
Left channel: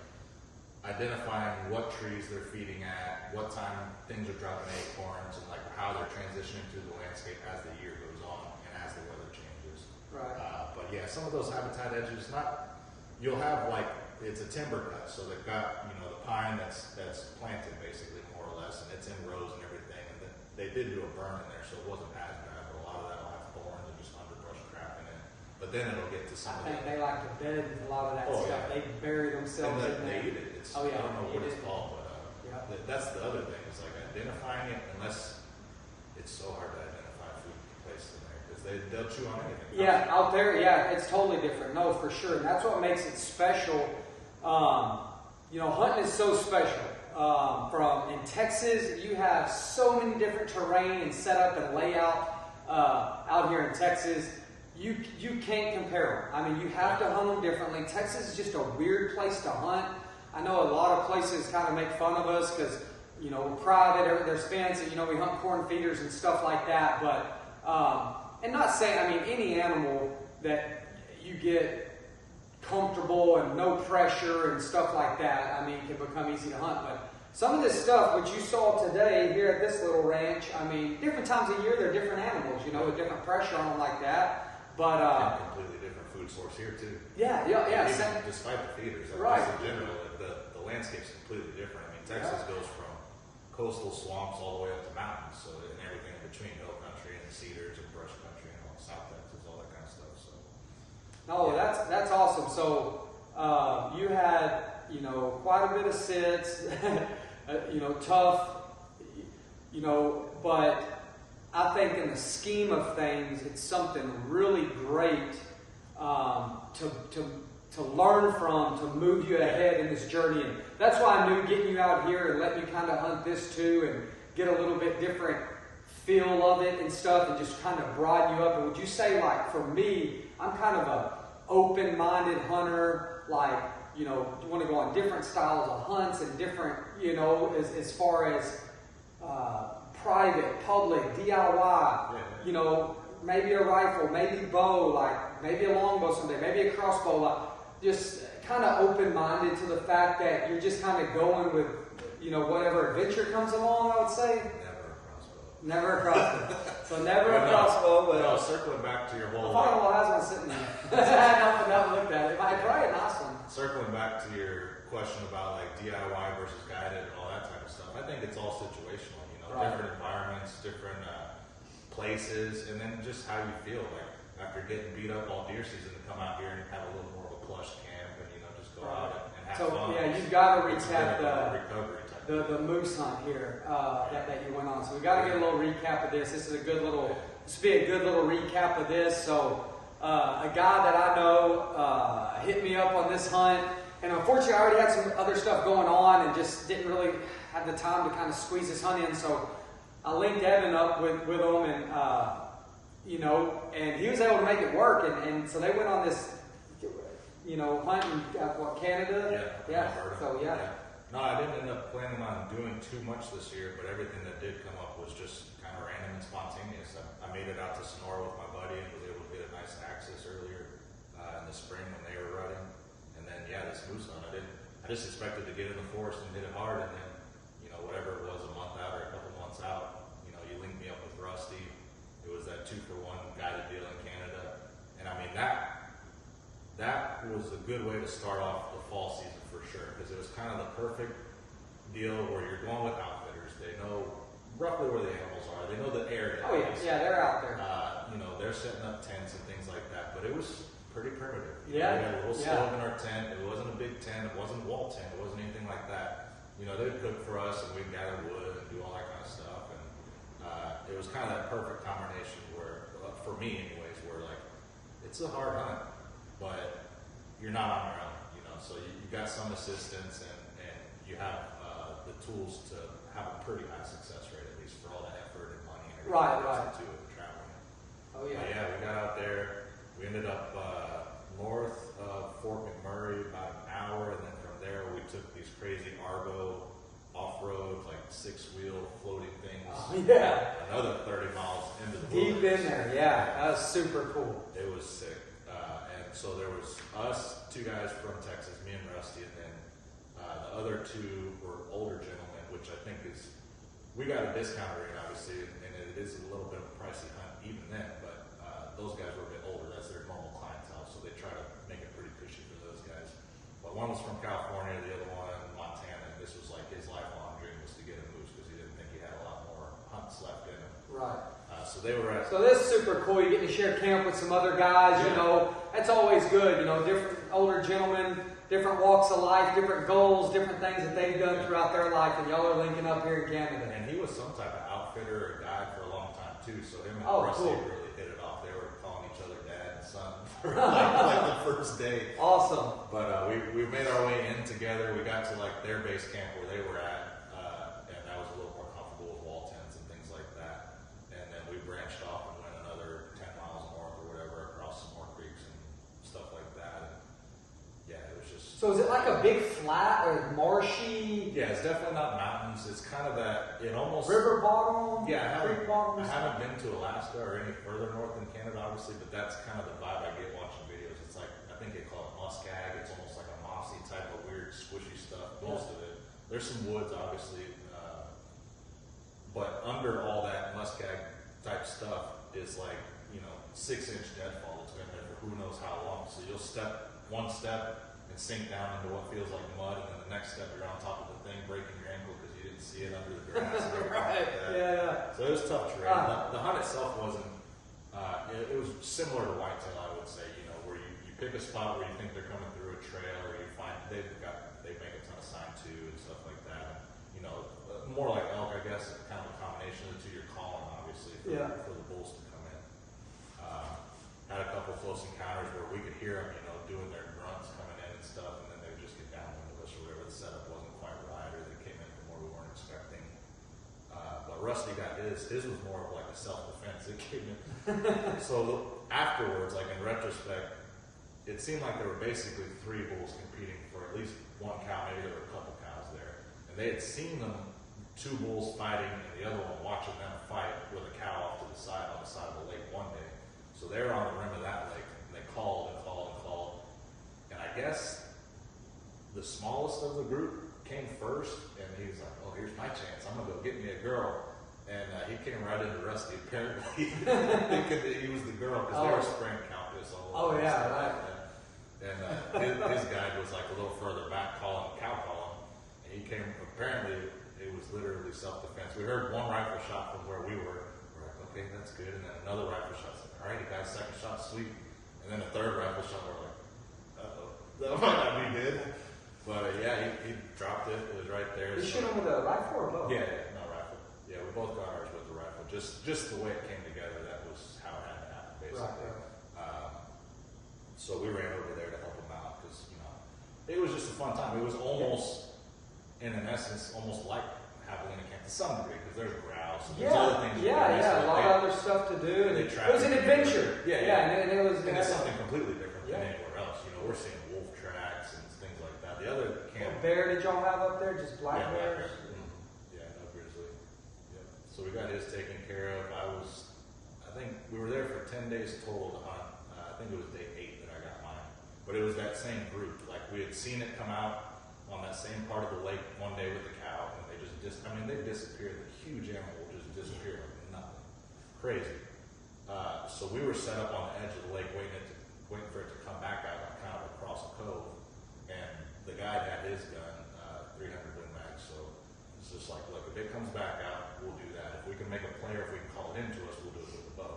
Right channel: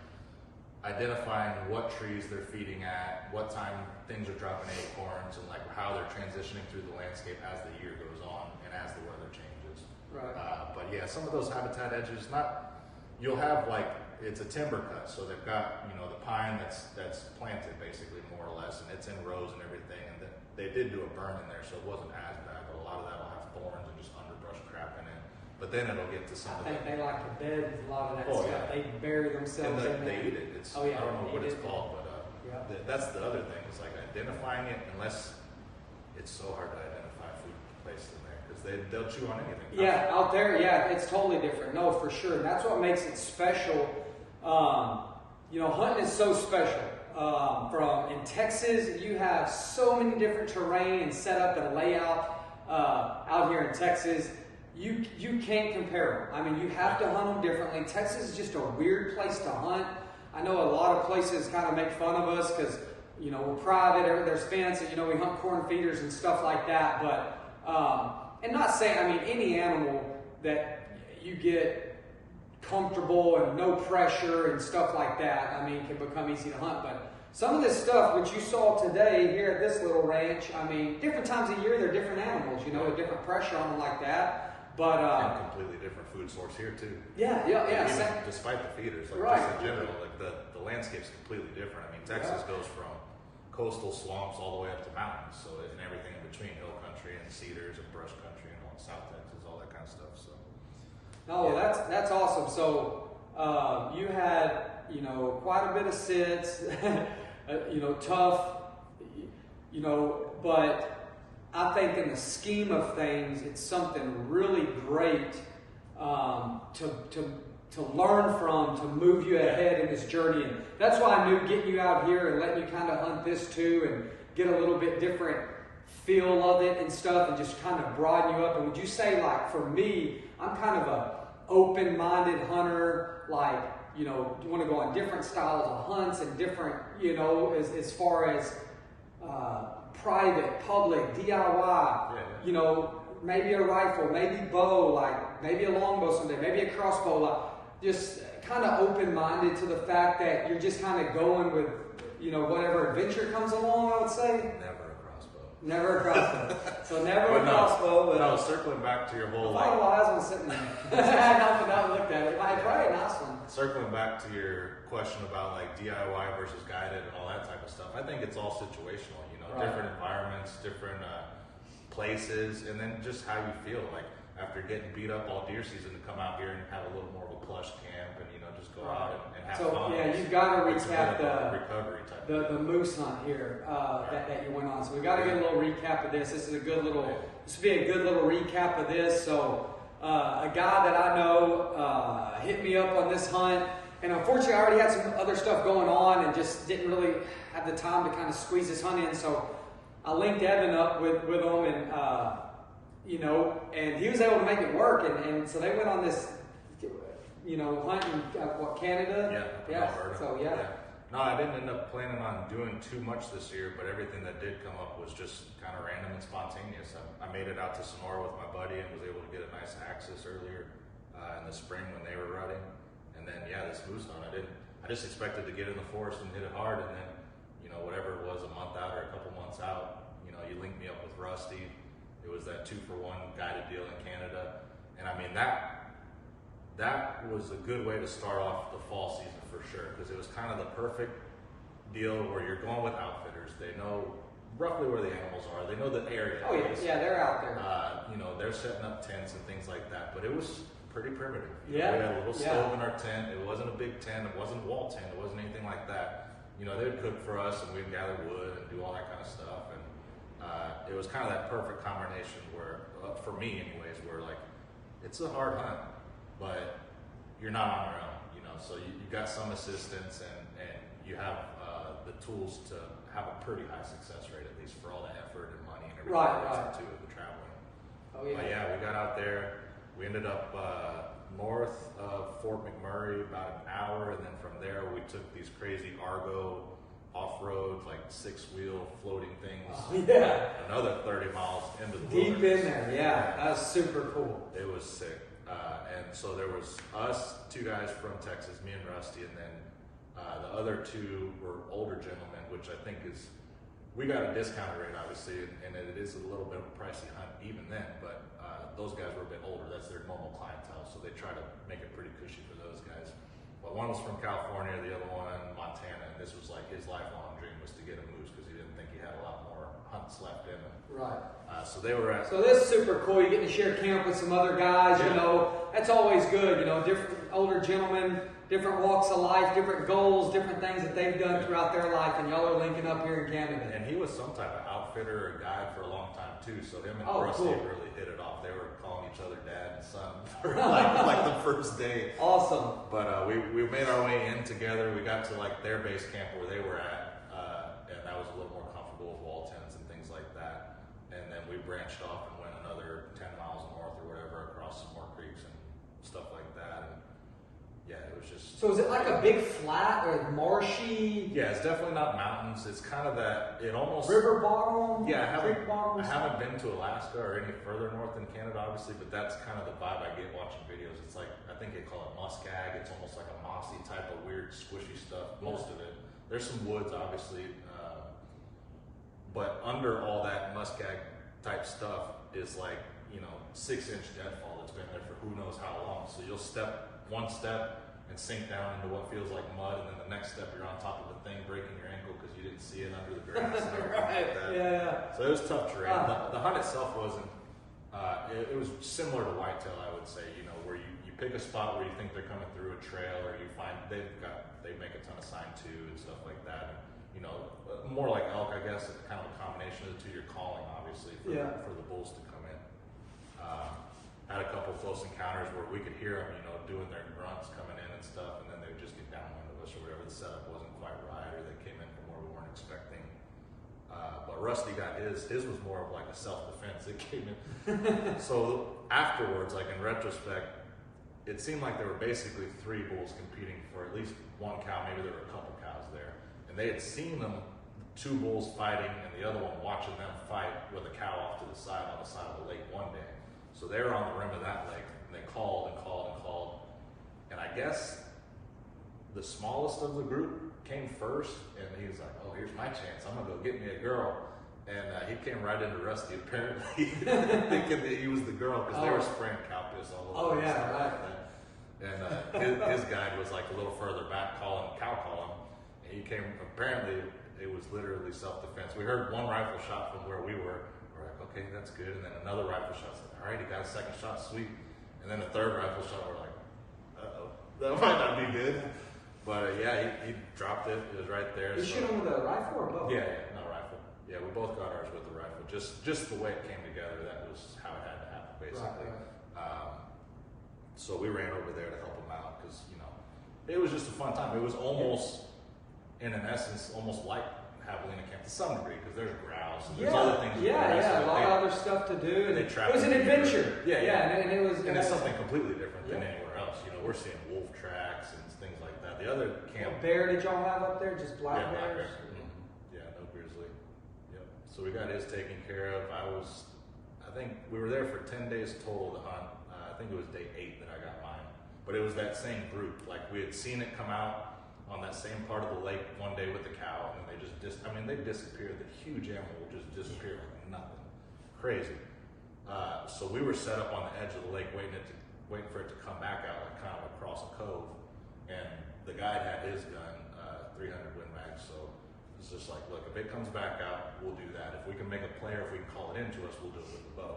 identifying what trees they're feeding at, what time things are dropping acorns, and like how they're transitioning through the landscape as the year goes on and as the weather changes. Right. But yeah, some of those habitat edges, you'll have like, it's a timber cut, so they've got the pine that's planted basically more or less, and it's in rows and everything. And they did do a burn in there, so it wasn't as bad. But a lot of that'll have thorns and just underbrush crap in it. But then it'll get to some of I think they like to bed a lot of that stuff. Yeah. They bury themselves in they there. eat it. It's, Oh, yeah, I don't know they what eat it's it. called, but that's the other thing. It's like identifying it, unless it's so hard to identify food placed in there because they'll chew on anything. Yeah, out there, it's totally different. No, for sure. And that's what makes it special. Hunting is so special. In Texas, you have so many different terrain and setup and layout out here in Texas. You can't compare them. I mean, you have to hunt them differently. Texas is just a weird place to hunt. I know a lot of places kind of make fun of us because, we're private, there's fence, and, we hunt corn feeders and stuff like that. But, and not saying, any animal that you get comfortable and no pressure and stuff like that, can become easy to hunt. But some of this stuff, which you saw today here at this little ranch, different times of year, they're different animals, with different pressure on them like that. But and completely different food source here too. Yeah. Even despite the feeders, like right. just in general, like the landscape's completely different. Texas goes from coastal swamps all the way up to mountains, so and everything in between, hill country and cedars and brush country and all South Texas, all that kind of stuff. So. No, that's awesome. So you had quite a bit of sits, tough, but I think in the scheme of things, it's something really great to learn from, to move you ahead in this journey. And that's why I knew getting you out here and letting you kind of hunt this too and get a little bit different feel of it and stuff and just kind of broaden you up. And would you say, like, for me, I'm kind of a open-minded hunter, like, you want to go on different styles of hunts and different, as far as private, public, DIY, maybe a rifle, maybe bow, like maybe a longbow someday, maybe a crossbow, like just kind of open-minded to the fact that you're just kind of going with, whatever adventure comes along, I would say. Never a crossbow. So never a crossbow. No, circling back to your whole... I don't know why I was sitting there. I haven't looked at it. It's probably a nice one. Circling back to your question about like DIY versus guided and all that type of stuff, I think it's all situational, Right. different environments, different places, and then just how you feel. Like after getting beat up all deer season, to come out here and have a little more of a plush camp and, just go out and have fun. Yeah, you've got to It's recap a recovery type the moose hunt here that you went on. So we got to get a little recap of this. This will be a good little recap of this. So a guy that I know hit me up on this hunt, and unfortunately I already had some other stuff going on and just didn't really have the time to kind of squeeze this hunt in. So I linked Evan up with him, and and he was able to make it work. And so they went on this hunt in Canada? Yeah. So No, I didn't end up planning on doing too much this year, but everything that did come up was just kind of random and spontaneous. I made it out to Sonora with my buddy and was able to get a nice access earlier in the spring when they were rutting. And then, this moose hunt, I just expected to get in the forest and hit it hard, and then, whatever it was, a month out or a couple months out, you linked me up with Rusty. It was that 2-for-1 guided deal in Canada. And that was a good way to start off the fall season for sure, because it was kind of the perfect deal where you're going with outfitters. They know roughly where the animals are. They know the area. Oh yeah, they're out there. They're setting up tents and things like that, but it was pretty primitive. We Yeah. had a little stove in our tent. It wasn't a big tent. It wasn't a wall tent. It wasn't anything like that. They'd cook for us and we'd gather wood and do all that kind of stuff. And it was kind of that perfect combination where, for me anyways, where like, it's a hard hunt, but you're not on your own, so you got some assistance and you have the tools to have a pretty high success rate, at least for all the effort and money and everything that goes into it, the traveling. Oh yeah. But yeah, we got out there. We ended up north of Fort McMurray, about an hour, and then from there we took these crazy Argo off-road, like 6-wheel floating things. Oh, yeah. Another 30 miles into the Deep wilderness. in there, yeah. That was super cool. It was sick. And so there was us, 2 guys from Texas, me and Rusty, and then the other 2 were older gentlemen, which I think is, we got a discounted rate, obviously, and it is a little bit of a pricey hunt even then, but those guys were a bit older. That's their normal clientele, so they try to make it pretty cushy for those guys. But one was from California, the other one in Montana, and this was like his lifelong dream was to get a moose because he didn't think he had a lot more hunts left in him. Right. So they were at. So this is super cool. You get to share camp with some other guys. Yeah. You know, that's always good. You know, different older gentlemen, different walks of life, different goals, different things that they've done throughout their life, and y'all are linking up here in Canada. And he was some type of outfitter or guide for a long time too. So him and Rusty cool. really hit it off. They were calling each other dad and son for like the first day. Awesome. But we made our way in together. We got to like their base camp where they were at, and that was a little more comfortable with wall tents and things like that. And then we branched off and went another 10 miles north or whatever across some more creeks and stuff like that. And yeah, it was just. So is it like a big flat or marshy? Yeah, it's definitely not mountains. It's kind of that. It almost River bottom? Yeah, Creek bottom? I haven't been to Alaska or any further north in Canada, obviously, but that's kind of the vibe I get watching videos. It's like, I think they call it muskeg. It's almost like a mossy type of weird squishy stuff, most of it. There's some woods, obviously, but under all that muskeg type stuff is like, 6-inch deadfall that's been there for who knows how long. So you'll step one step and sink down into what feels like mud, and then the next step you're on top of the thing, breaking your ankle because you didn't see it under the grass and everything like that. Yeah. So it was tough terrain. The hunt itself wasn't. It was similar to whitetail, I would say. Where you pick a spot where you think they're coming through a trail, or you find they make a ton of sign too and stuff like that. And, more like elk, I guess, kind of a combination of the two. You're calling, obviously, for the bulls to come in. Had a couple close encounters where we could hear them, doing their grunts coming in and stuff, and then they would just get downwind of us or whatever. The setup wasn't quite right, or they came in from where we weren't expecting. But Rusty got his. His was more of like a self-defense. It came in. So afterwards, like in retrospect, it seemed like there were basically 3 bulls competing for at least one cow. Maybe there were a couple cows there, and they had seen them, 2 bulls fighting, and the other one watching them fight with a cow off to the side on the side of the lake one day. So they were on the rim of that lake, and they called and called and called. And I guess the smallest of the group came first, and he was like, "Oh, here's my chance. I'm gonna go get me a girl." And he came right into Rusty, apparently thinking that he was the girl because they were spraying cow piss all over. Oh yeah, right. And his guide was like a little further back, cow calling. And he came. Apparently, it was literally self-defense. We heard one rifle shot from where we were. We're like, okay, that's good. And then another rifle shot. Like, all right, he got a second shot, sweet. And then a third rifle shot. We're like, uh-oh, that might not be good. But yeah, he dropped it. It was right there. Did you shoot him with a rifle or both? Yeah, no rifle. Yeah, we both got ours with the rifle. Just the way it came together, that was how it had to happen, basically. Right. So we ran over there to help him out because it was just a fun time. It was almost, in an essence, almost like Javelina camp to some degree because there's grouse and there's other things. A lot of other stuff to do. It was an adventure. And it was. And it's something completely different than anywhere else. We're seeing wolf tracks and things like that. The other camp. What bear did y'all have up there? Just black bears? Mm-hmm. Yeah, no grizzly. Yep. So we got his taken care of. I think we were there for 10 days total to hunt. I think it was day 8 that I got mine. But it was that same group. Like we had seen it come out on that same part of the lake one day with the cow, and they just they disappeared. The huge animal will just disappear like nothing. Crazy. So we were set up on the edge of the lake waiting for it to come back out, like kind of across a cove. And the guide had his gun, 300 Win Mag, so it's just like, look, if it comes back out, we'll do that. If we can make a play, or if we can call it into us, we'll do it with the bow.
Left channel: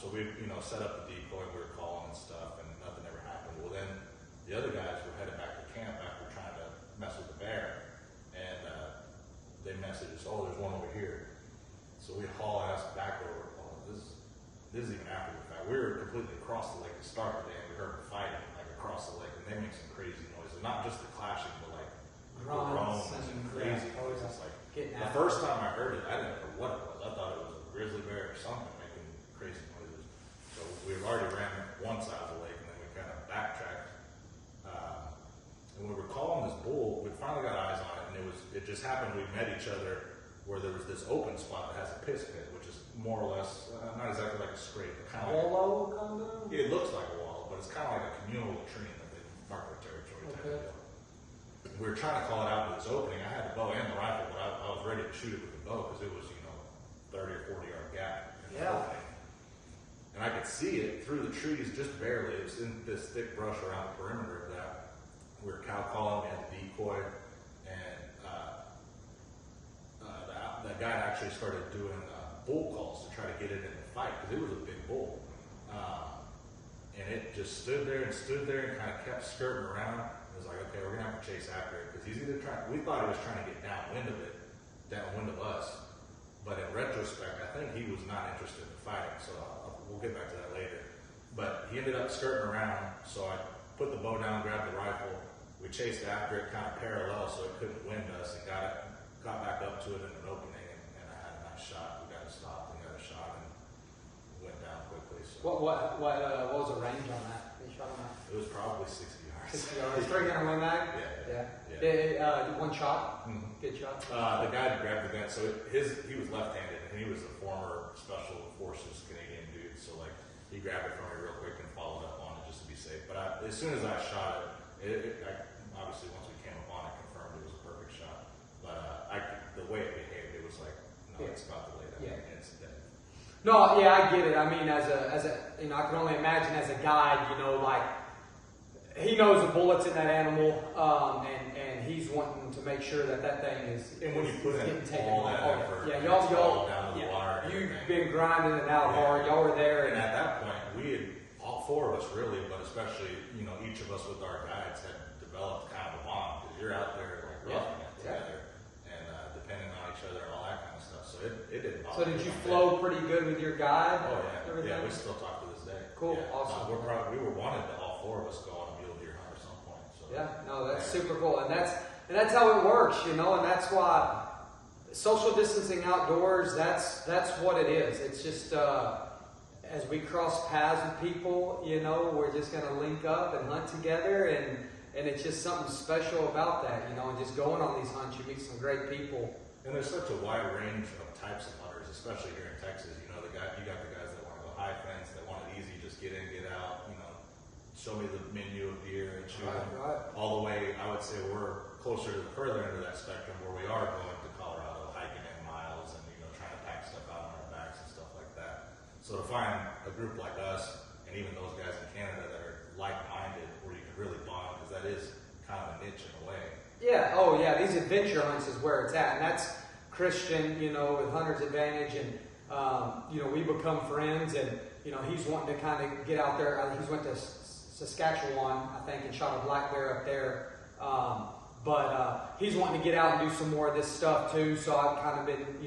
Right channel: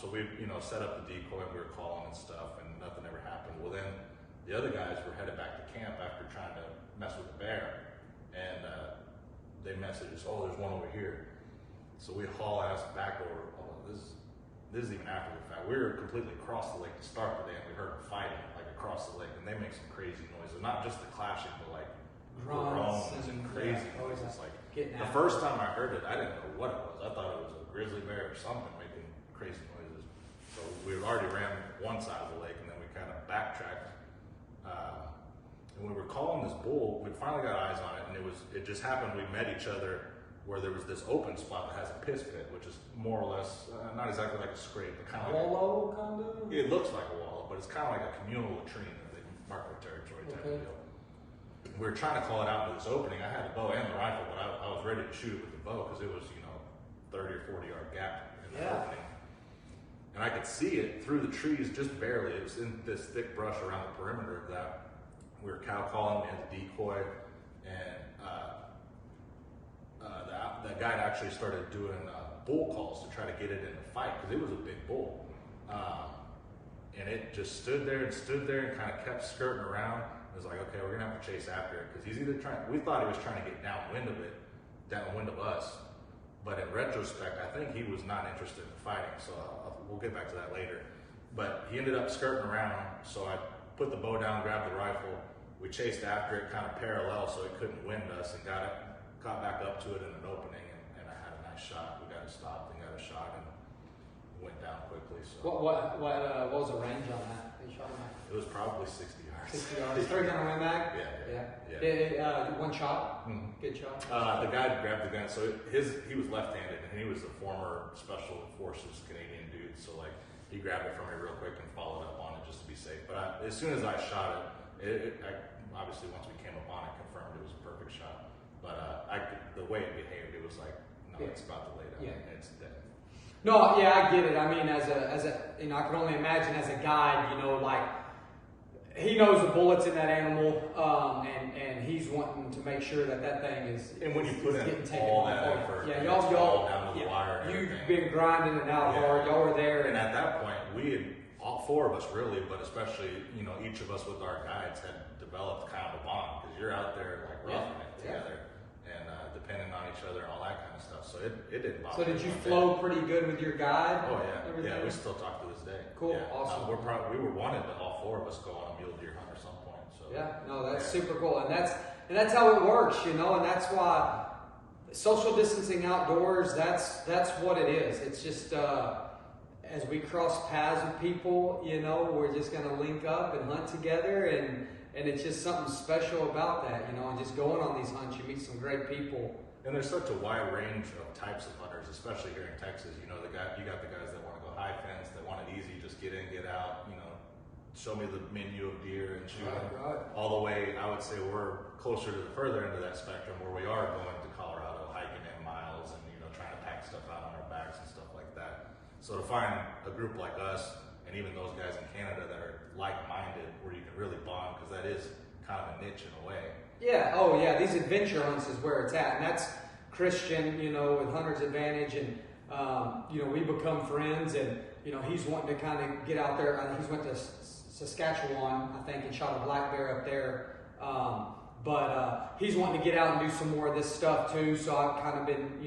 So we, set up the decoy, and we were calling and stuff, and nothing ever happened. Well, then the other guys were headed back to camp after trying to mess with the bear, and they messaged us, "Oh, there's one over here." So we haul ass back over. Oh, this is even after the fact. We were completely across the lake to start the day, and we heard them fighting like across the lake, and they make some crazy noises. Not just the clashing, but like Grunts groans and crazy noises. Like the first time I heard it, I didn't know what it was. I thought it was a grizzly bear or something making crazy noises. So we had already ran one side of the lake, and then we kind of backtracked. And we were calling this bull. We finally got eyes on it, and it just happened. We met each other where there was this open spot that has a piss pit, which is more or less not exactly like a scrape, but kind of like wallow, kind of. It looks like a wallow, but it's kind of like a communal latrine that they mark their territory type of deal. We were trying to call it out into this opening. I had the bow and the rifle, but I was ready to shoot it with the bow because it was 30 or 40 yard gap in the opening. And I could see it through the trees just barely. It was in this thick brush around the perimeter of that. We were cow calling, we had the decoy, and that guy actually started doing bull calls to try to get it in the fight because it was a big bull. And it just stood there and kind of kept skirting around. It was like, okay, we're going to have to chase after it because he's either we thought he was trying to get downwind of us. But in retrospect, I think he was not interested in fighting. So we'll get back to that later. But he ended up skirting around. So I put the bow down, grabbed the rifle. We chased after it kind of parallel so it couldn't wind us and got back up to it in an opening. And I had a nice shot. We got it stopped and got a shot and went down quickly. So What was the range on that? You shot on that? it was probably 60 yards. 60 yards. 3 gun mag? Yeah. One shot? Mm-hmm. Good shot. The guy grabbed the gun. So he was left-handed, and he was a former Special Forces Canadian dude. So like he grabbed it from me real quick and followed up on it just to be safe. But as soon as I shot it, obviously once we came up on it, confirmed it was a perfect shot. But the way it behaved, it was like, no, it's about to lay down. Yeah. It's dead. No, yeah, I get it. I mean, as a, I can only imagine as a guide, like he knows the bullets in that animal, and he's wanting to make sure that thing is. And when you put in all that effort, y'all down to the wire. You've been grinding it out hard. Y'all were there, and at that point, we had all four of us really, but especially each of us with our guides had developed kind of a bond because you're out there like roughing it together and depending on each other and all that kind of stuff. So it didn't bother. So did you flow pretty good with your guide? Oh yeah, yeah. We still talk to this day. Cool, yeah. awesome. We were wanted to all four of us go on a mule deer hunt at some point. So that's super cool, and that's how it works, and that's why social distancing outdoors. That's what it is. It's just. As we cross paths with people, we're just going to link up and hunt together, and it's just something special about that, and just going on these hunts, you meet some great people. And there's such a wide range of types of hunters, especially here in Texas. You got the guys that want to go high fence, that want it easy, just get in, get out, show me the menu of deer and shoot them. Right. All the way, I would say we're closer to the further end of that spectrum where we are going to Colorado, hiking in miles and, trying to pack stuff out on our backs and stuff like that. So to find a group like us, and even those guys in Canada that are like-minded, where you can really bond, because that is kind of a niche in a way. Yeah. Oh, yeah. These adventure hunts is where it's at, and that's Christian, with Hunter's Advantage, and we become friends, and he's wanting to kind of get out there. He's went to Saskatchewan, I think, and shot a black bear up there. But he's wanting to get out and do some more of this stuff too. So I've kind of been,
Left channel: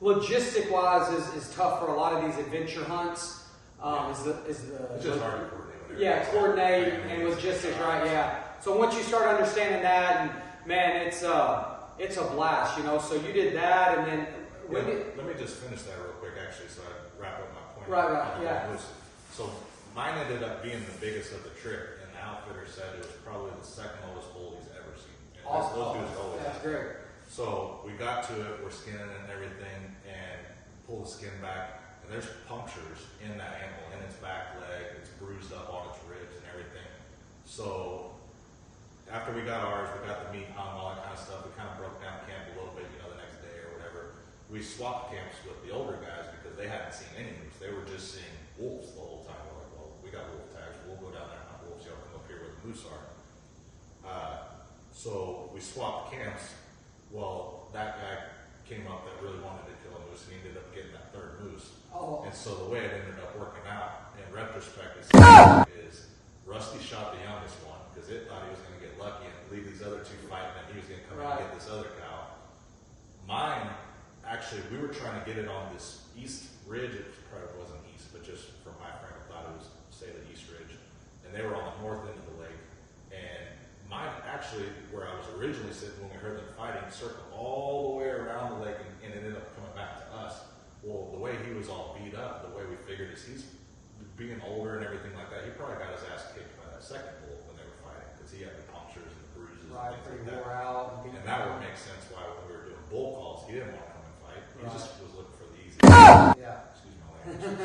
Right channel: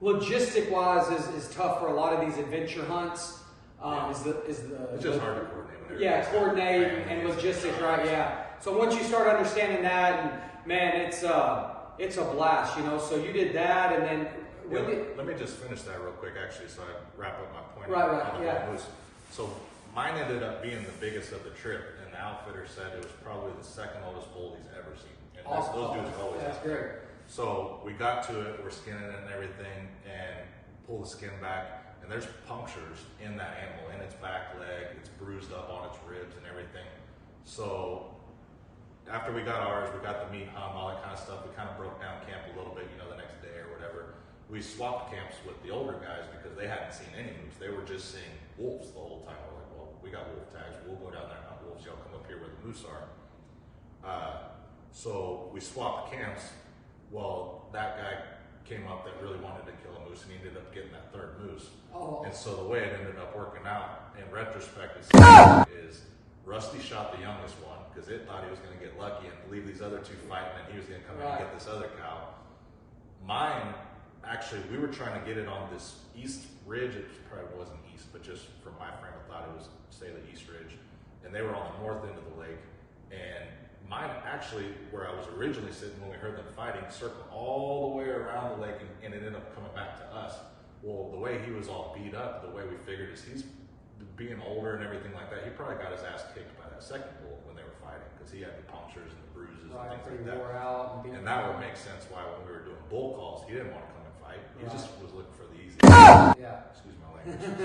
logistic-wise is tough for a lot of these adventure hunts. It's just hard to coordinate. Yeah, coordinate and logistics, right? Yeah. So once you start understanding that, and man, it's a blast, So you did that, and then let me just finish that real quick, actually, so I wrap up my point. Right. Yeah. So mine ended up being the biggest of the trip, and the outfitter said it was probably the second oldest bull he's ever seen. And awesome. Those dudes are always That's great. So we got to it, we're skinning it and everything, and pull the skin back, and there's punctures in that animal, in its back leg, it's bruised up on its ribs and everything. So after we got ours, we got the meat hung, all that kind of stuff, we kind of broke down camp a little bit, the next day or whatever. We swapped camps with the older guys because they hadn't seen any moose. They were just seeing wolves the whole time. We're like, well, we got wolf tags, we'll go down there and hunt wolves, y'all come up here where the moose are. So we swapped camps. Well, that guy came up that really wanted to kill a moose, and he ended up getting that third moose. Oh. And so the way it ended up working out, in retrospect, is Rusty shot the youngest one because it thought he was going to get lucky and leave these other two fighting, and he was going to come in and get this other cow. Mine, actually, we were trying to get it on this east ridge. It probably wasn't east, but just from my frame of thought, it was, say, the east ridge. and they were on the north end of the lake. And mine actually, where I was originally sitting when we heard them fighting, circled all the way around the lake, and it ended up coming back to us. Well, the way he was all beat up, the way we figured is he's being older and everything like that. He probably got his ass kicked by that second bull when they were fighting, because he had the punctures and the bruises and things like that. Wore out and that would make sense why when we were doing bull calls, he didn't want to come and fight. He just was looking for the easy. Yeah. Excuse my language.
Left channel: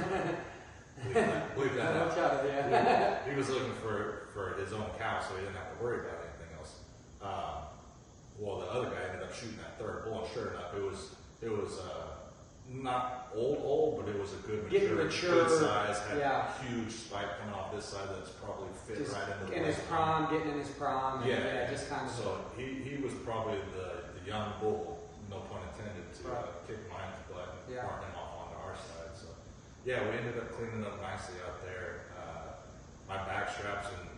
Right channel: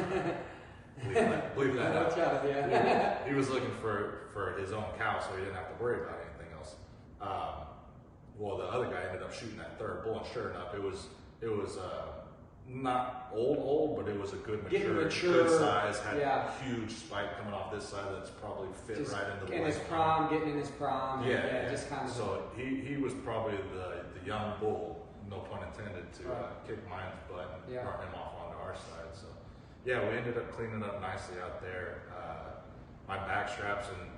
Believe that out. He was looking for his own cow, so he didn't have to worry about anything else. Well, the other guy ended up shooting that third bull, and sure enough, it was not old, but it was a good mature, good size. Had a huge spike coming off this side that's probably fit just right into the in his prime, getting in his prime. Yeah, just kind of. So he was probably the young bull, no pun intended, to kick mine's butt and run him off onto our side. So yeah, we ended up cleaning up nicely out there. My back straps and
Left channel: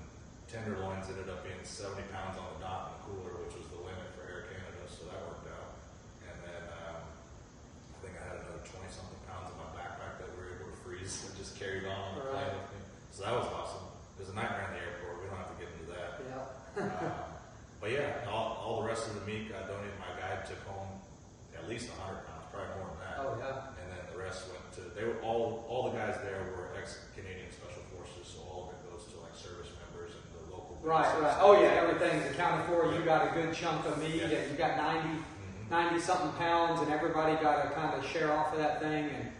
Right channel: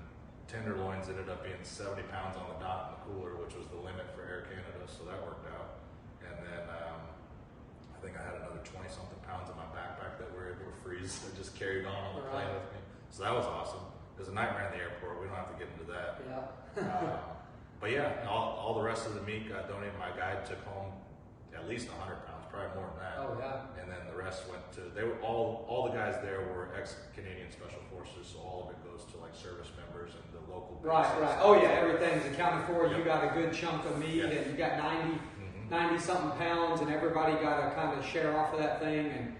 tenderloins ended up being 70 pounds on the dot in the cooler, which was the limit for Air Canada, so that worked out. And then I think I had another 20-something pounds in my backpack that we were able to freeze and just carried on the plane with me. So that was awesome. It was a nightmare in the airport. We don't have to get into that. Yeah. But yeah, all the rest of the meat got donated. My guide took home at least 100 pounds, probably more than that. Oh yeah. And then the rest went to, they were all the guys there were ex-Canadian Special Forces, so all of it goes to like service members and the local bases. Right. Oh yeah, everything's accounted for. You got a good chunk of meat, and you got 90 something pounds, and everybody got to kind of share off of that thing, and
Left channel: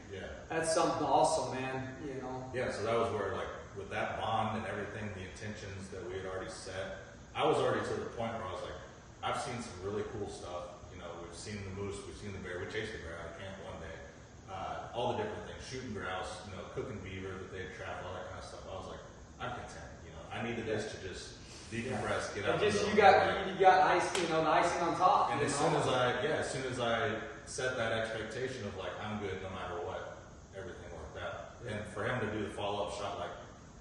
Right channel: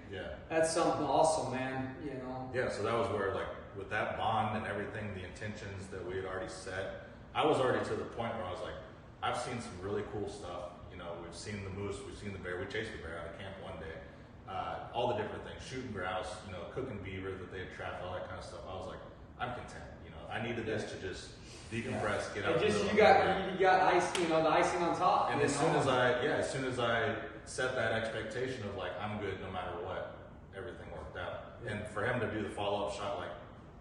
that's something awesome, man. You know. Yeah. So that was where, like, with that bond and everything, the intentions that we had already set, I was already to the point where I was like, I've seen some really cool stuff. You know, we've seen the moose, we've seen the bear. We chased the bear out of camp one day. All the different things, shooting grouse, you know, cooking beaver that they had trapped, all that kind of stuff. I was like, I'm content. You know, I needed this to just decompress, get out. You got ice, you know, the icing on top. And as soon as I set that expectation of like, I'm good no matter what, everything worked out. And for him to do the follow-up shot, like,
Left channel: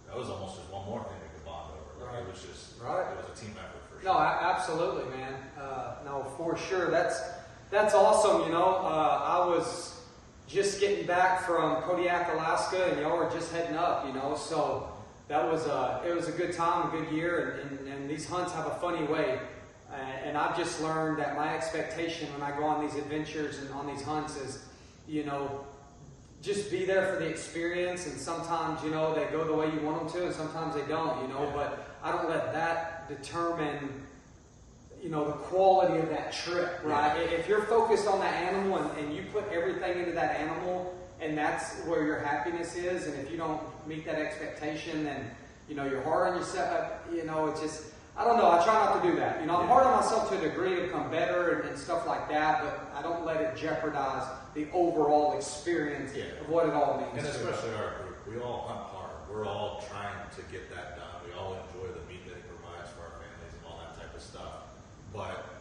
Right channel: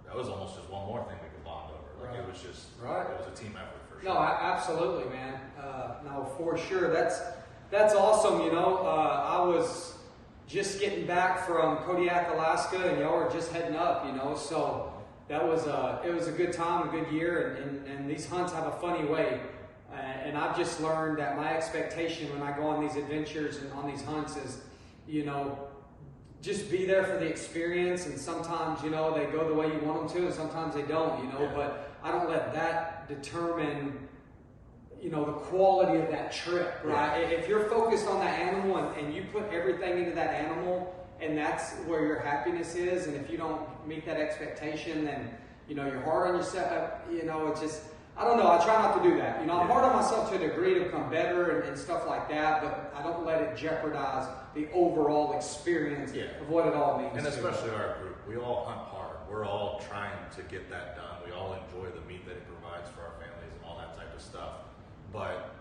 that was almost just one more thing we could bond over. Like, it was just, it was a team effort for sure. No, absolutely, man. No, for sure. That's awesome. You know, I was just getting back from Kodiak, Alaska, and y'all were just heading up. You know, so that was it was a good time, a good year, and these hunts have a funny way. And I've just learned that my expectation when I go on these adventures and on these hunts is, you know, just be there for the experience. And sometimes, you know, they go the way you want them to, and sometimes they don't. You know, but I don't let that determine, you know, the quality of that trip, right? If you're focused on that animal and you put everything into that animal, and that's where your happiness is, and if you don't meet that expectation, then, you know, you're hard on yourself. You know, it's just, I don't know. I try not to do that. You know, I'm hard on myself to a degree to become better and stuff like that, but I don't let it jeopardize the overall experience of what it all means. And especially our group, we all hunt hard. We're all trying to get that done. We all enjoy the meat that it provides for our families and all that type of stuff. But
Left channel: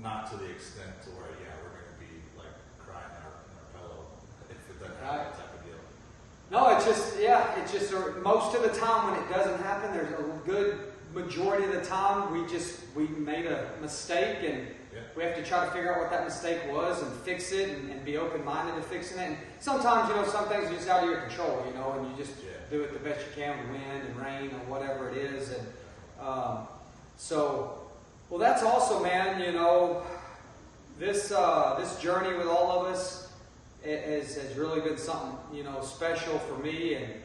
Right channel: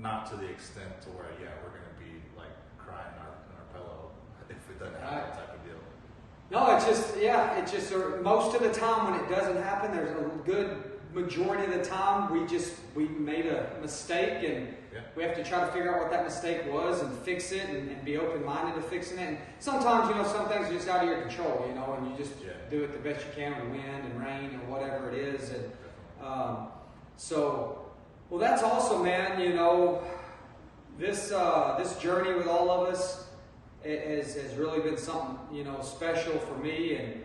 not to the extent to where, we're going to be like crying in our pillow if it doesn't happen, that type of deal. No, it's just most of the time when it doesn't happen, there's a good majority of the time we made a mistake, and we have to try to figure out what that mistake was and fix it and be open-minded to fixing it. And sometimes, you know, some things are just out of your control, you know, and you just do it the best you can with wind and rain or whatever it is. And well, that's awesome, man. You know, this journey with all of us has really been something, you know, special for me, and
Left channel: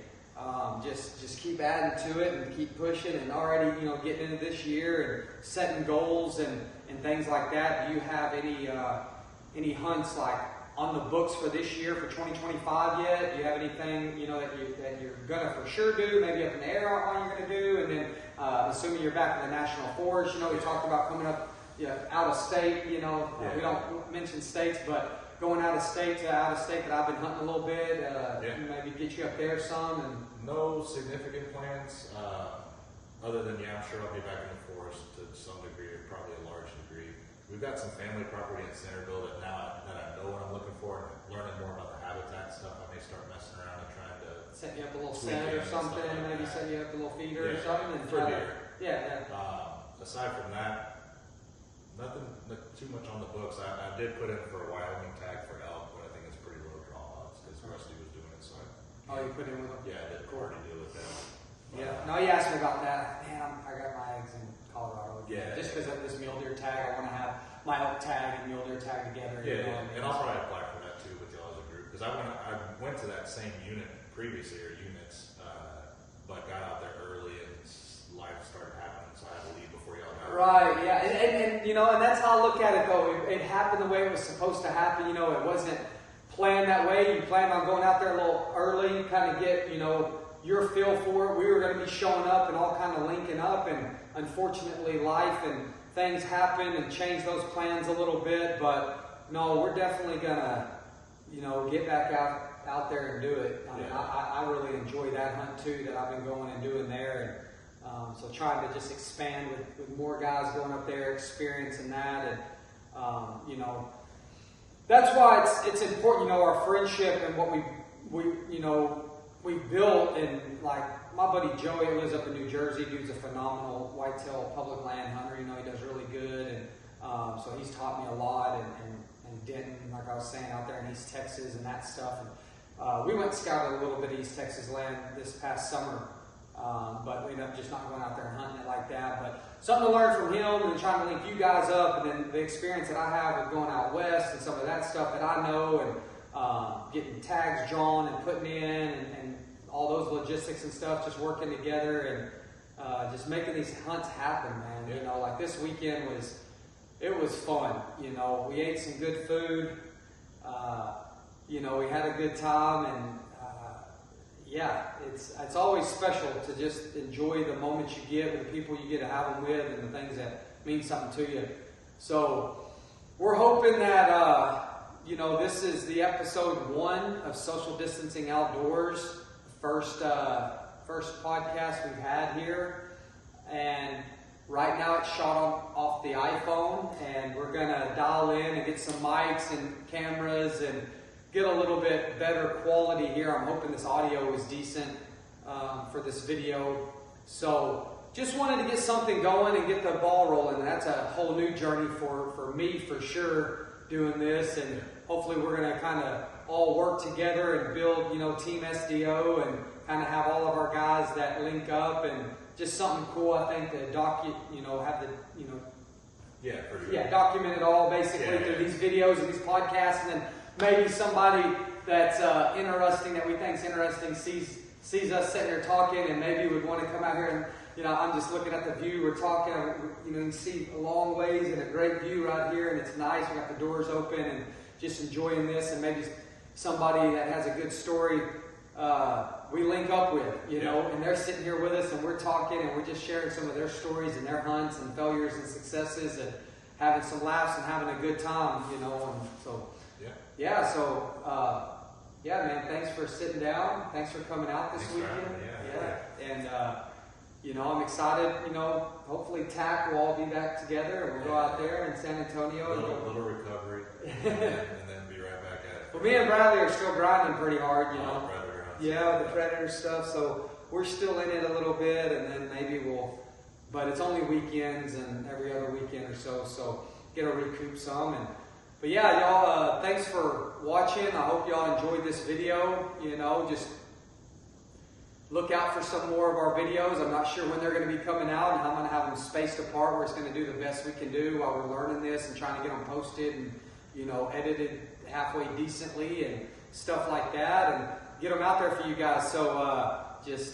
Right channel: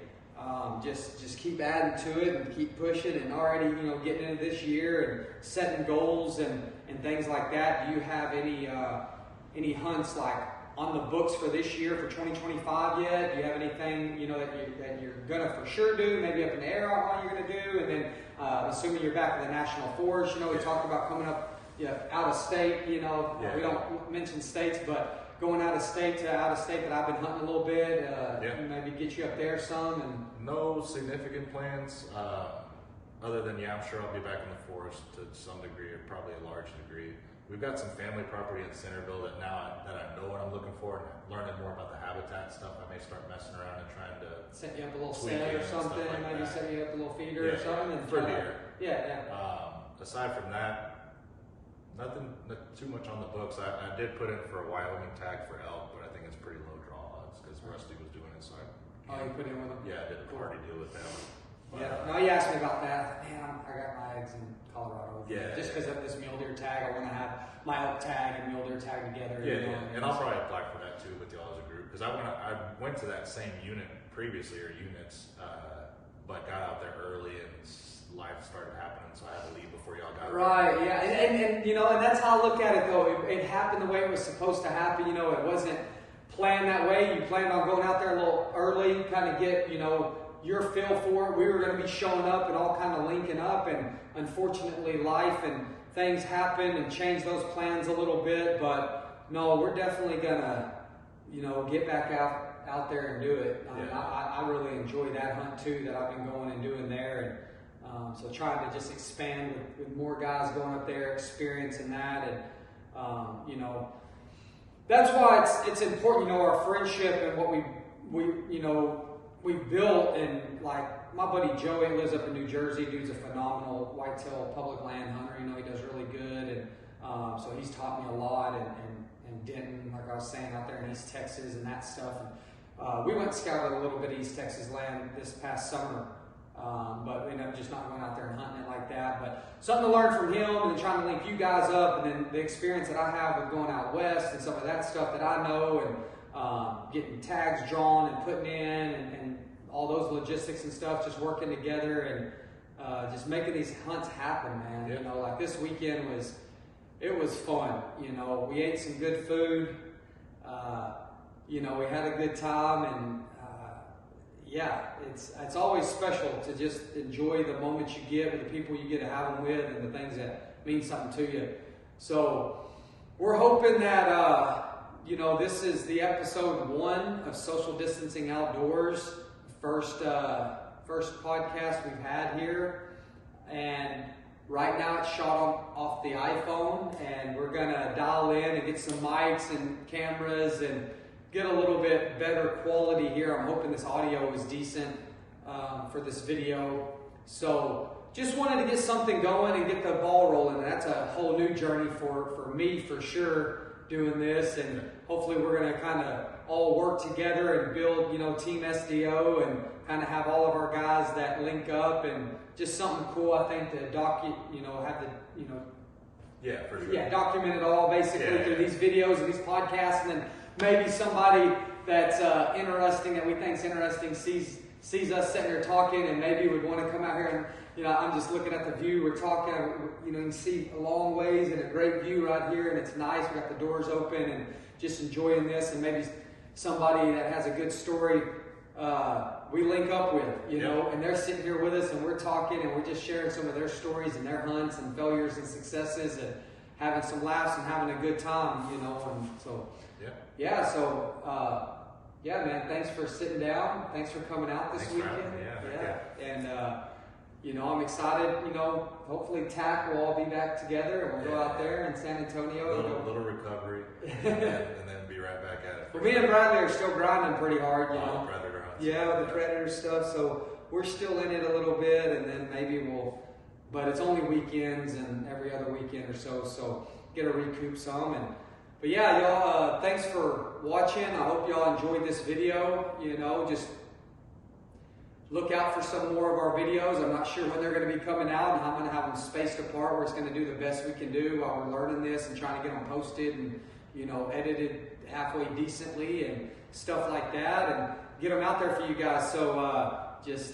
just keep adding to it and keep pushing, and already, you know, getting into this year and setting goals and things like that. Do you have any hunts like on the books for this year for 2025 yet? Do you have anything, you know, that you're gonna for sure do? Maybe up in the air on you're gonna do, and then assuming you're back in the national forest, you know, we talked about coming up out of state. You know, we don't mention states, but going out of state that I've been hunting a little bit, maybe get you up there some. And no significant plans, other than I'm sure I'll be back in the forest to some degree, or probably a large degree. We've got some family property in Centerville that now that I know what I'm looking for, and learning more about the habitat stuff, I may start messing around and trying to set you up a little set or something, like maybe set you up a little feeder or something. And for deer. Aside from that, nothing too much on the books. I did put in for a Wyoming tag for elk, but I think it's pretty low draw odds because Rusty was doing it. So you put in with them? Yeah, I did a party deal with them. Yeah. No, he asked me about that. Man, I got my eggs in Colorado. Yeah. Just because of this mule deer tag, I want to have my elk tag and mule deer tag together. Yeah, you know, yeah. And I'll probably apply for that too with y'all as a group because I went to that same unit previously or units, but got out there early and life started happening, so I had to leave before y'all got there. Right. Yeah. And you know, and that's how I look at it though. It happened the way it was supposed to happen. You know, it wasn't planned that way. You planned on going out there a little early, kind of get, you know, your feel for it. We were going to be showing up and all kind of linking up, and unfortunately life and things happen and change those plans a little bit. But no, we're definitely gonna, you know, get back out there and do it. I mean, I really enjoy that hunt too that I've been going and doing there. And, so trying to just expand with more guys going up there, experiencing that, and you know, that's why it's important. You know, our friendship and what we you know we built, and like my buddy Joey lives up in New Jersey. Dude's a phenomenal whitetail public land hunter. You know, he does really good, and so he's taught me a lot. And Denton, like I was saying, out there in East Texas and that stuff. And we went and scouted a little bit of East Texas land this past summer. But we ended up just not going out there and hunting it like that. But something to learn from him, and trying to link you guys up, and then the experience that I have with going out west and some of that stuff that I know, and getting tags drawn and putting in, and all those logistics and stuff, just working together and just making these hunts happen, man. Yep. You know, like this weekend was fun. You know, we ate some good food. You know, we had a good time, and yeah, it's always special to just enjoy the moments you get with the people you get to have them with, and the things that mean something to you. So we're hoping that you know, this is the episode 1 of Social Distancing Outdoors, first podcast we've had here, and right now it's shot off the iPhone, and we're gonna dial in and get some mics and cameras and get a little bit better quality here. I'm hoping this audio is decent for this video. So just wanted to get something going and get the ball rolling. That's a whole new journey for me for sure, doing this, and hopefully we're going to kind of all work together and build, you know, Team SDO, and kind of have all of our guys that link up, and just something cool, I think, to have the, you know, yeah, for sure. Yeah, document it all basically through these videos and these podcasts, and then maybe somebody that's interesting, that we think's interesting, sees us sitting here talking, and maybe would want to come out here and, you know, I'm just looking at the view, we're talking, you know, you can see a long ways and a great view right here, and it's nice, we got the doors open, and just enjoying this, and maybe somebody that has a good story we link up with, you know, and they're sitting here with us, and we're talking, and we're just sharing some of their stories and their hunts and failures and successes, and having some laughs and having a good time, you know. And so yeah, man, thanks for sitting down, thanks for coming out this weekend. And you know, I'm excited, you know, hopefully TAC will all be back together, and we'll go out there in San Antonio. A little recovery, and then be right back at it. Well, me and Bradley are still grinding pretty hard, you know. Predator hunts. Yeah, with the predator stuff, so we're still in it a little bit, and then maybe but it's only weekends and every other weekend or so get to recoup some. But yeah, y'all, thanks for watching. I hope y'all enjoyed this video. You know, just look out for some more of our videos. I'm not sure when they're going to be coming out, and I'm going to have them spaced apart where it's going to do the best we can do while we're learning this and trying to get them posted and, you know, edited halfway decently and stuff like that, and get them out there for you guys. So just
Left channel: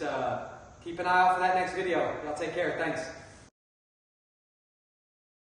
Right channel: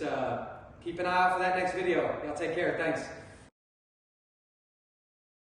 keep an eye out for that next video. Y'all take care. Thanks.